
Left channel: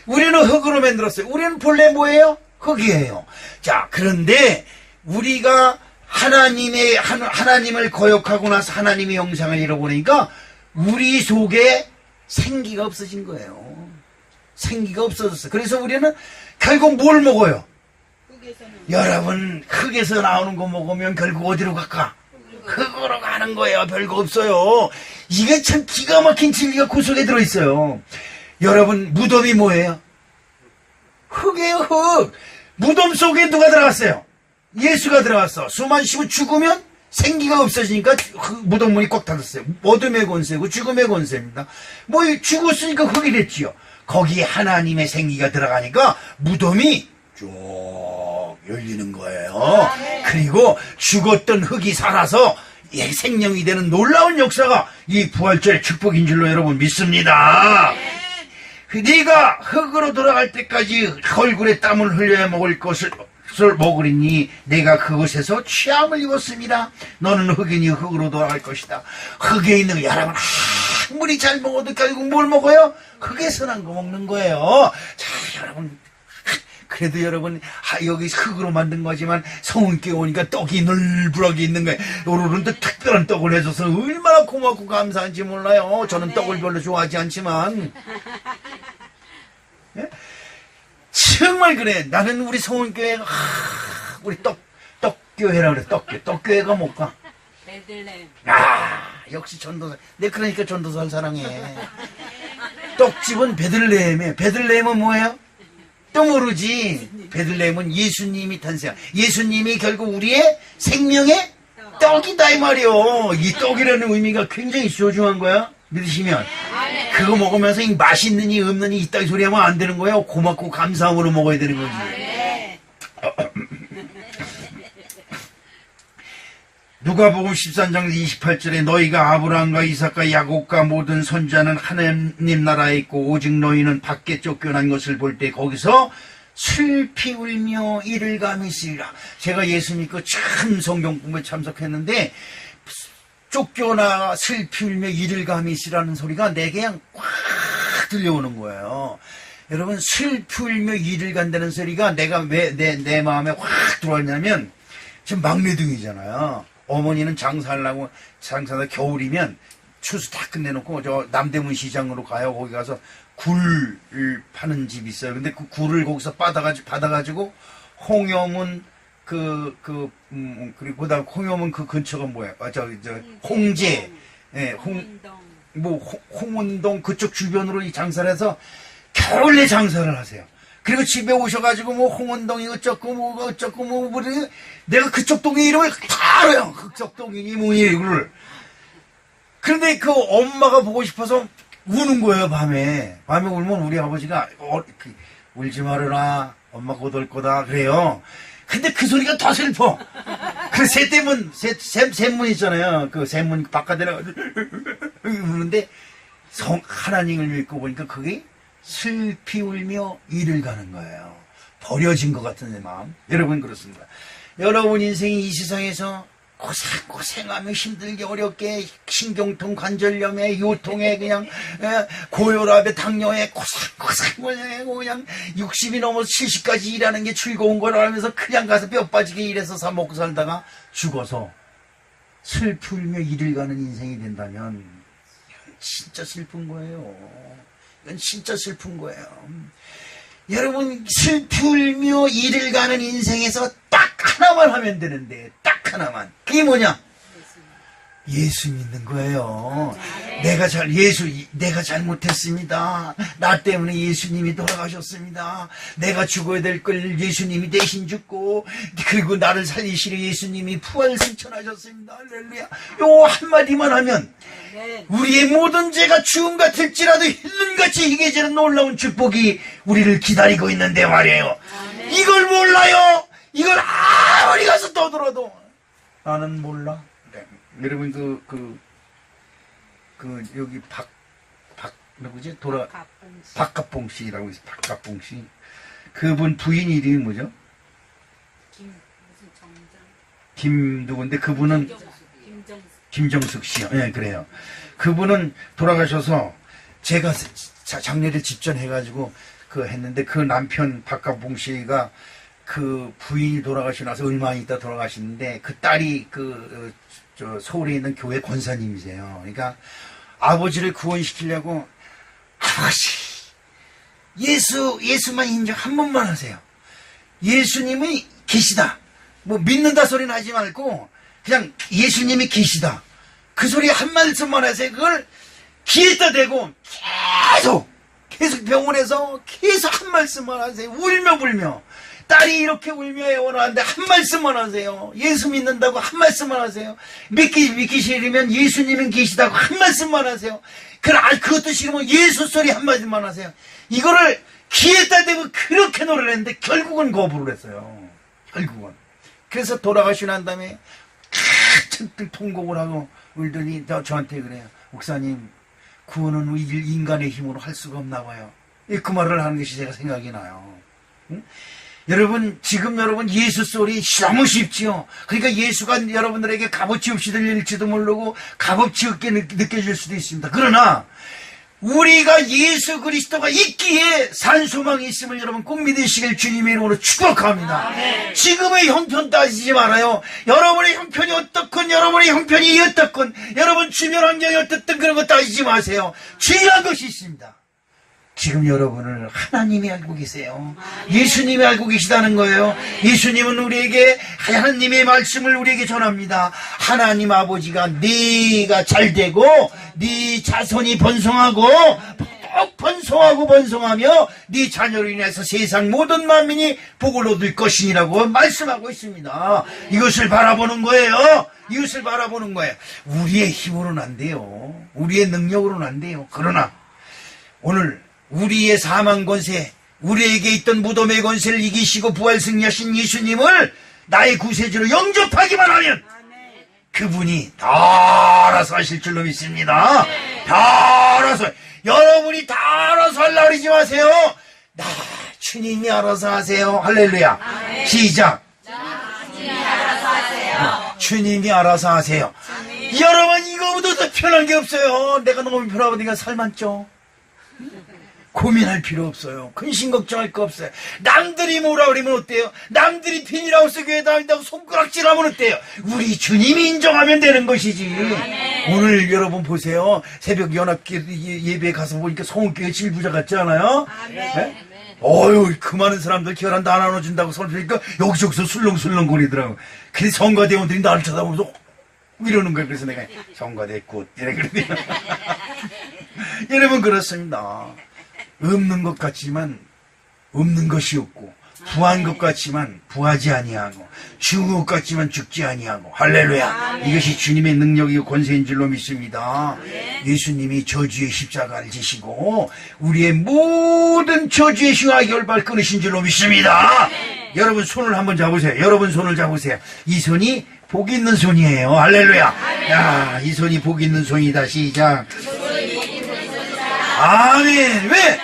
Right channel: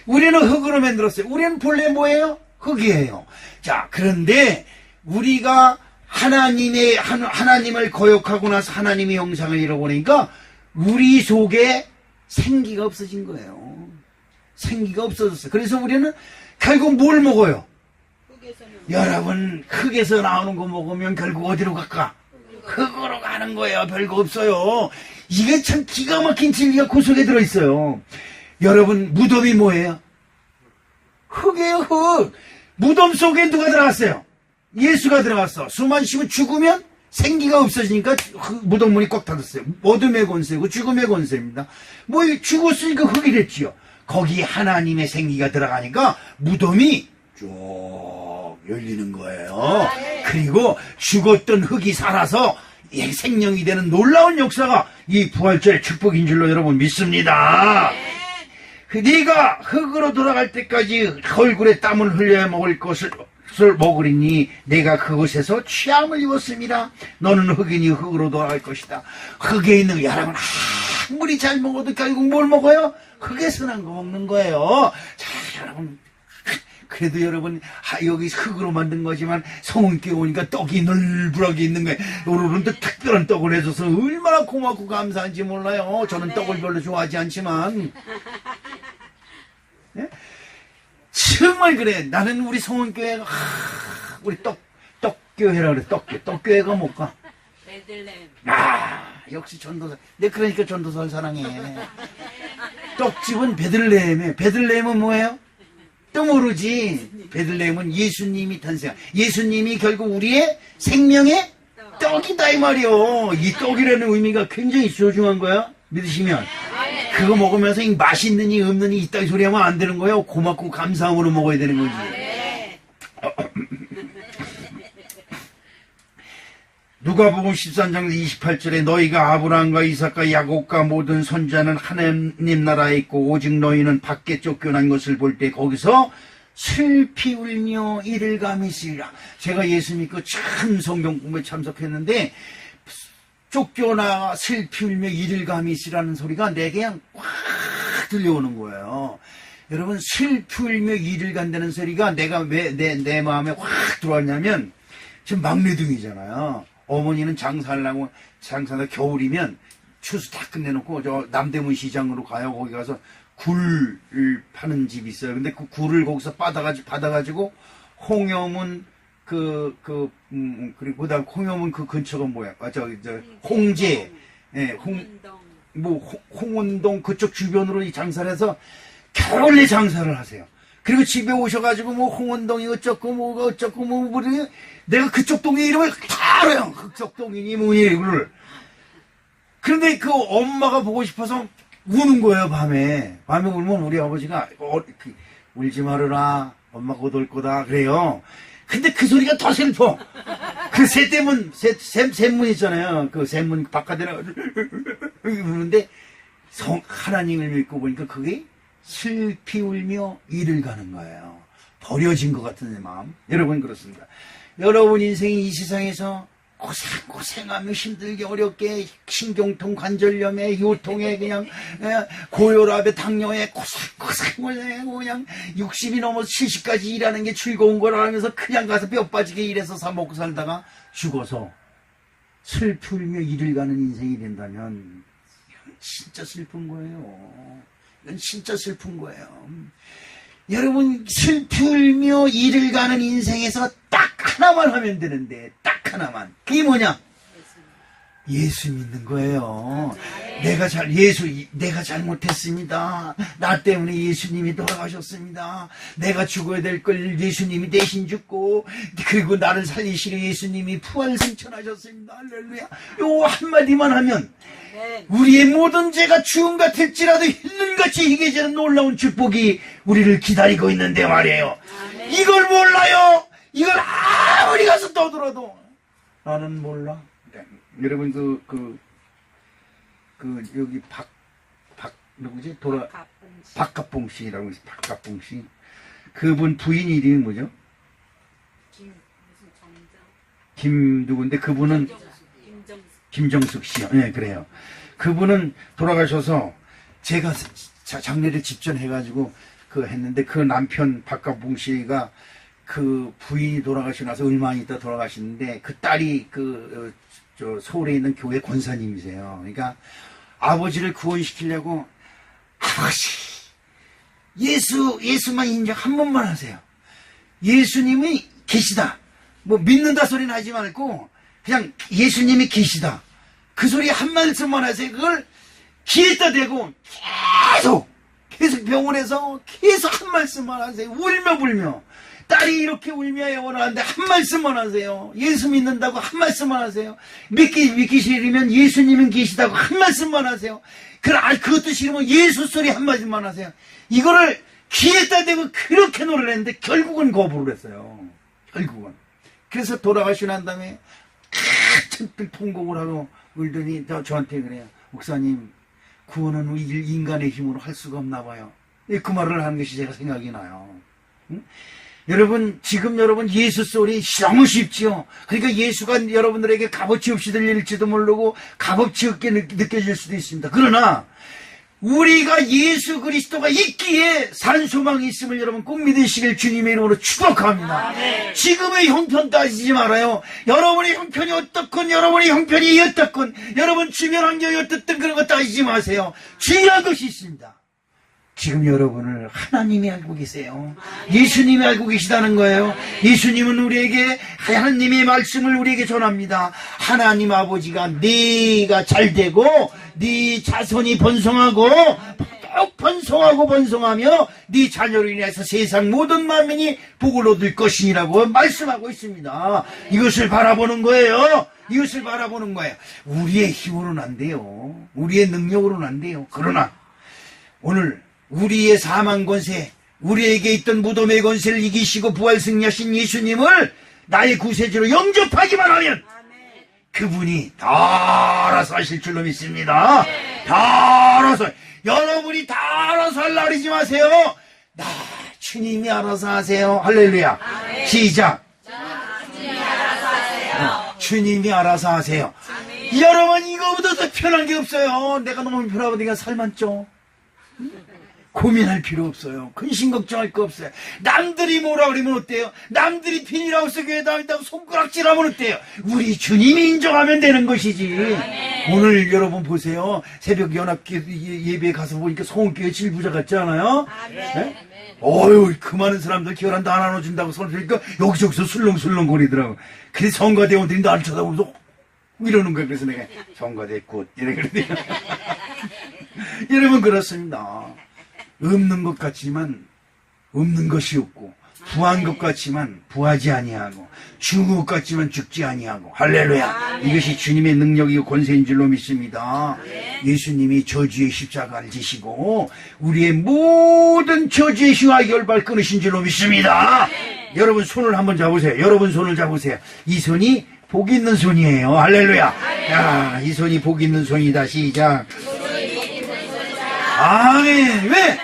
우리는 흙으로 만들었어요. 우리는 본래 뭐예요? 흙이에요. 자, 그런데 우리가 하나님을 거역하고 나서 하나님의 형상을 잃어버리니까 우리 속에 생기가 없어진 거예요. 생기가 없어졌어요. 그래서 우리는 결국 뭘 먹어요? 여러분, 흙에서 나오는 거 먹으면 결국 어디로 갈까? 흙으로 가는 거예요. 별거 없어요. 이게 참 기가 막힌 진리가 그 속에 들어있어요. 여러분, 무덤이 뭐예요? 흙이에요, 흙. 무덤 속에 누가 들어갔어요? 예수가 들어갔어. 숨만 쉬고 죽으면 생기가 없어지니까 무덤 문이 꽉 닫았어요. 어둠의 권세고 죽음의 권세입니다. 뭐 죽었으니까 흙이 됐지요. 거기에 하나님의 생기가 들어가니까 무덤이 쭉 열리는 거예요. 그리고 죽었던 흙이 살아서 생명이 되는 놀라운 역사가 이 부활절의 축복인 줄로 여러분 믿습니다. 네가 흙으로 돌아갈 때까지 얼굴에 땀을 흘려야 먹을 것을 흙을 먹으리니 내가 그곳에서 취함을 입었습니다. 너는 흙이니 흙으로 돌아갈 것이다. 흙에 있는 여러분 아무리 잘 먹어도 결국 뭘 먹어요? 흙에서 난 거 먹는 거예요. 자, 여러분 그래도 여러분 여기 흙으로 만든 거지만 성은교회 오니까 떡이 널브러게 있는 거예요. 오늘은 특별한 떡을 해줘서 얼마나 고맙고 감사한지 몰라요. 저는 떡을 별로 좋아하지 않지만 예? 정말 그래. 나는 우리 성은교회가 우리 떡교회라 그래. 떡교회가 뭘까? 베들레헴. 역시 전도사. 내 그러니까 전도사를 사랑해. 떡집은 베들레헴에. 베들레헴은 뭐예요? 또 모르지. 베들레헴은 예수님이 탄생. 예수님이 결국 우리의 생명의 떡이다 이 말이요. 이 떡이라는 의미가 굉장히 소중한 거야. 믿으시면 그거 먹으면서 이 맛있느니 없느니 이따위 소리 하면 안 되는 거예요. 고맙고 감사함으로 먹어야 되는 거지. 누가복음 13장 28절에 너희가 아브라함과 이삭과 야곱과 모든 선자는 하나님 나라에 있고 오직 너희는 밖에 쫓겨난 것을 볼 때 거기서 슬피 울며 이를 감히 쓰리라. 제가 예수 믿고 참 성경 공부에 참석했는데 쫓겨나 슬피 울며 이를 감히 쓰라는 소리가 내게 그냥 꽉 들려오는 거예요. 여러분 슬피 울며 이를 간다는 소리가 내가 왜 내 마음에 확 들어왔냐면 지금 막내등이잖아요. 어머니는 장사하려고 장사하다 겨울이면 추수 다 끝내놓고 저 남대문 시장으로 가요. 거기 가서 굴 파는 집이 있어요. 근데 그 굴을 거기서 받아가지고 홍여문 그리고 그다음 홍여문 그 근처가 뭐야? 저 홍제, 예, 홍운동 그쪽 주변으로 이 장사를 해서 겨울에 장사를 하세요. 그리고 집에 오셔가지고 뭐 홍원동이 어쩌고 뭐 어쩌고 뭐 우리 내가 그쪽 동네 이름을 다 알아요. 그쪽 동이니 뭐니 이거를. 그런데 그 엄마가 보고 싶어서 우는 거예요. 밤에 울면 우리 아버지가 울지 말아라. 엄마 곧 올 거다 그래요. 근데 그 소리가 더 슬퍼. 그 샘문 있잖아요. 그 샘문 바깥에 나가지고 우는데 하나님을 믿고 보니까 그게 슬피 울며 이를 가는 거예요. 버려진 것 같은 내 마음. 여러분 그렇습니다. 여러분 인생이 이 세상에서 고생하며 힘들게 어렵게 신경통 관절염에 요통에 그냥 고혈압에 당뇨에 고생하고 그냥 60이 넘어서 70까지 일하는 게 즐거운 거라 하면서 그냥 가서 뼈 빠지게 일해서 사 먹고 살다가 죽어서 슬피 울며 이를 가는 인생이 된다면 진짜 슬픈 거예요. 이건 진짜 슬픈 거예요. 여러분 슬피 울며 이를 가는 인생에서 딱 하나만 하면 되는데 딱 하나만. 그게 뭐냐? 예수 믿는 거예요. 내가 잘못했습니다. 나 때문에 예수님이 돌아가셨습니다. 내가 죽어야 될 걸 예수님이 대신 죽고 그리고 나를 살리시려 예수님이 부활 승천하셨습니다. 할렐루야. 요 한마디만 하면 우리의 모든 죄가 주음 같을지라도 흰눈같이 희게지는 놀라운 축복이 우리를 기다리고 있는데 말이에요. 이걸 몰라요. 이걸 아무리 가서 떠들어도 나는 몰라. 네. 여러분 여기 누구지? 박갑봉 씨라고 있어요. 박갑봉 씨. 그분 부인 이름이 뭐죠? 김 누군데 그분은 김정숙 씨요. 네, 그래요. 그분은 돌아가셔서 제가 장례를 집전해가지고 했는데 그 남편 박갑봉 씨가 그 부인이 돌아가시고 나서 얼마 있다 돌아가시는데 그 딸이 서울에 있는 교회 권사님이세요. 그러니까 아버지를 구원시키려고 아버지 예수만 인정 한 번만 하세요. 예수님이 계시다. 뭐 믿는다 소리는 하지 말고 그냥 예수님이 계시다. 그 소리 한 말씀만 하세요. 그걸 귀에다 대고 계속 병원에서 계속 한 말씀만 하세요. 울며 불며. 딸이 이렇게 울며 애원하는데 한 말씀만 하세요. 예수 믿는다고 한 말씀만 하세요. 믿기 싫으면 예수님은 계시다고 한 말씀만 하세요. 그것도 싫으면 예수 소리 한 말씀만 하세요. 이거를 귀에다 대고 그렇게 노래를 했는데 결국은 거부를 했어요. 결국은. 그래서 돌아가시고 난 다음에 한참 통곡을 하고 울더니 저한테 그래요. 목사님 구원은 인간의 힘으로 할 수가 없나 봐요. 그 말을 하는 것이 제가 생각이 나요. 응? 여러분, 지금 여러분 예수 소리 너무 쉽지요. 그러니까 예수가 여러분들에게 값어치 없이 들릴지도 모르고 값어치 없게 느껴질 수도 있습니다. 그러나 우리가 예수 그리스도가 있기에 산 소망이 있음을 여러분 꼭 믿으시길 주님의 이름으로 축복합니다. 지금의 형편 따지지 말아요. 여러분의 형편이 어떻건, 여러분의 형편이 어떻건, 여러분 주변 환경이 어떻든 그런 거 따지지 마세요. 중요한 것이 있습니다. 지금 여러분을 하나님이 알고 계세요. 예수님이 알고 계시다는 거예요. 예수님은 우리에게 하나님의 말씀을 우리에게 전합니다. 하나님 아버지가 네가 잘되고 네 자손이 번성하고 꼭 번성하며 네 자녀로 인해서 세상 모든 만민이 복을 얻을 것이니라고 말씀하고 있습니다. 이것을 바라보는 거예요. 이것을 바라보는 거예요. 우리의 힘으로는 안 돼요. 우리의 능력으로는 안 돼요. 그러나 오늘 우리의 사망 권세, 우리에게 있던 무덤의 권세를 이기시고 부활 승리하신 예수님을 나의 구세주로 영접하기만 하면 그분이 다 알아서 하실 줄로 믿습니다. 다 알아서, 여러분이 다 알아서 하려고 그러지 마세요. 주님이 알아서 하세요. 할렐루야. 시작. 주님이 알아서 하세요. 여러분, 이거보다 더 편한 게 없어요. 내가 너무 편하니까 살만 쪄. 고민할 필요 없어요. 근심 걱정할 거 없어요. 남들이 뭐라 그러면 어때요? 남들이 핀이라고 해서 교회 다닌다고 손가락질하면 어때요? 우리 주님이 인정하면 되는 것이지. 오늘 여러분 보세요. 새벽 연합 예배에 가서 보니까 성교회 질부자 같지 않아요? 네? 어휴, 그 많은 사람들 결혼 다 나눠준다고 설교니까 여기저기서 술렁술렁 거리더라고. 근데 성가대원들이 나를 쳐다보면서 이러는 거예요. 그래서 내가 성가대 굿 이래 그러더니 여러분 그렇습니다. 없는 것 같지만 없는 것이 없고, 부한 것 같지만 부하지 아니하고, 죽은 것 같지만 죽지 아니하고. 할렐루야. 이것이 주님의 능력이고 권세인 줄로 믿습니다. 예수님이 저주의 십자가를 지시고 우리의 모든 저주의 흉악 결발 끊으신 줄로 믿습니다. 여러분 손을 한번 잡으세요. 여러분 손을 잡으세요. 이 손이 복 있는 손이에요. 할렐루야. 야, 이 손이 복 있는 손이다. 시작. 아멘. 왜?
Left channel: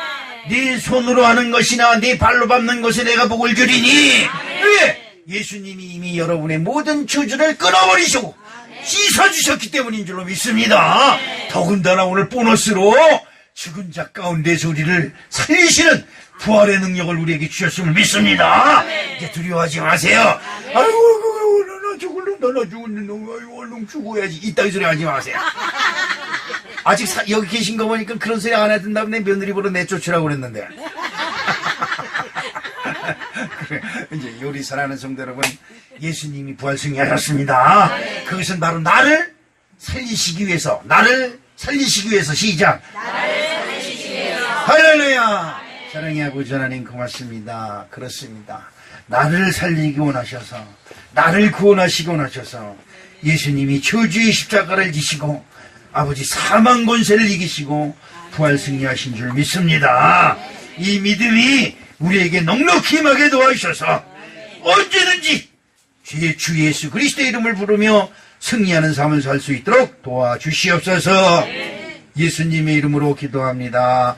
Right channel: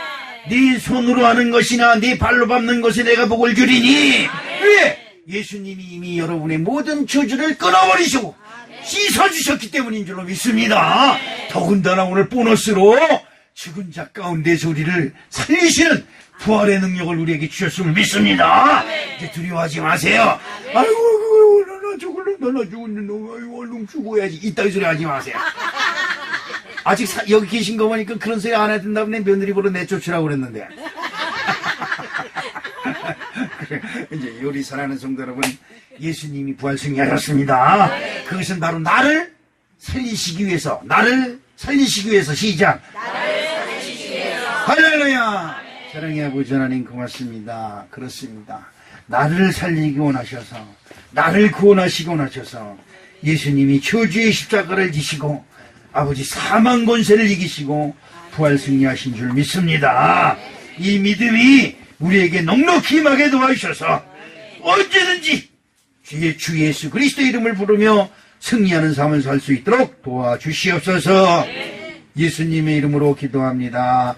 네 손으로 하는 것이나 네 발로 밟는 것에 내가 복을 주리니. 왜? 예수님이 이미 여러분의 모든 저주를 끊어버리시고 씻어주셨기 때문인 줄로 믿습니다. 더군다나 오늘 보너스로 죽은 자 가운데 소리를 살리시는 부활의 능력을 우리에게 주셨음을 믿습니다. 이제 두려워하지 마세요. 아이고, 나나 죽었는데, 아이고, 얼른 죽어야지. 이따위 소리 하지 마세요. 아직 여기 계신 거 보니까 그런 소리 안 해야 된다고 내 며느리 보러 내쫓으라고 그랬는데. 그래, 이제 요리 사랑하는 성도 여러분, 예수님이 부활 승리하셨습니다. 그것은 바로 나를 살리시기 위해서, 시작. 할렐루야. 사랑의 아버지 하나님 고맙습니다. 그렇습니다. 나를 살리기 원하셔서, 나를 구원하시기 원하셔서 예수님이 저주의 십자가를 지시고 아버지 사망 권세를 이기시고 부활 승리하신 줄 믿습니다. 이 믿음이 우리에게 넉넉히 임하게 도와주셔서 언제든지 주 예수 그리스도의 이름을 부르며 승리하는 삶을 살 수 있도록 도와주시옵소서. 예수님의 이름으로 기도합니다.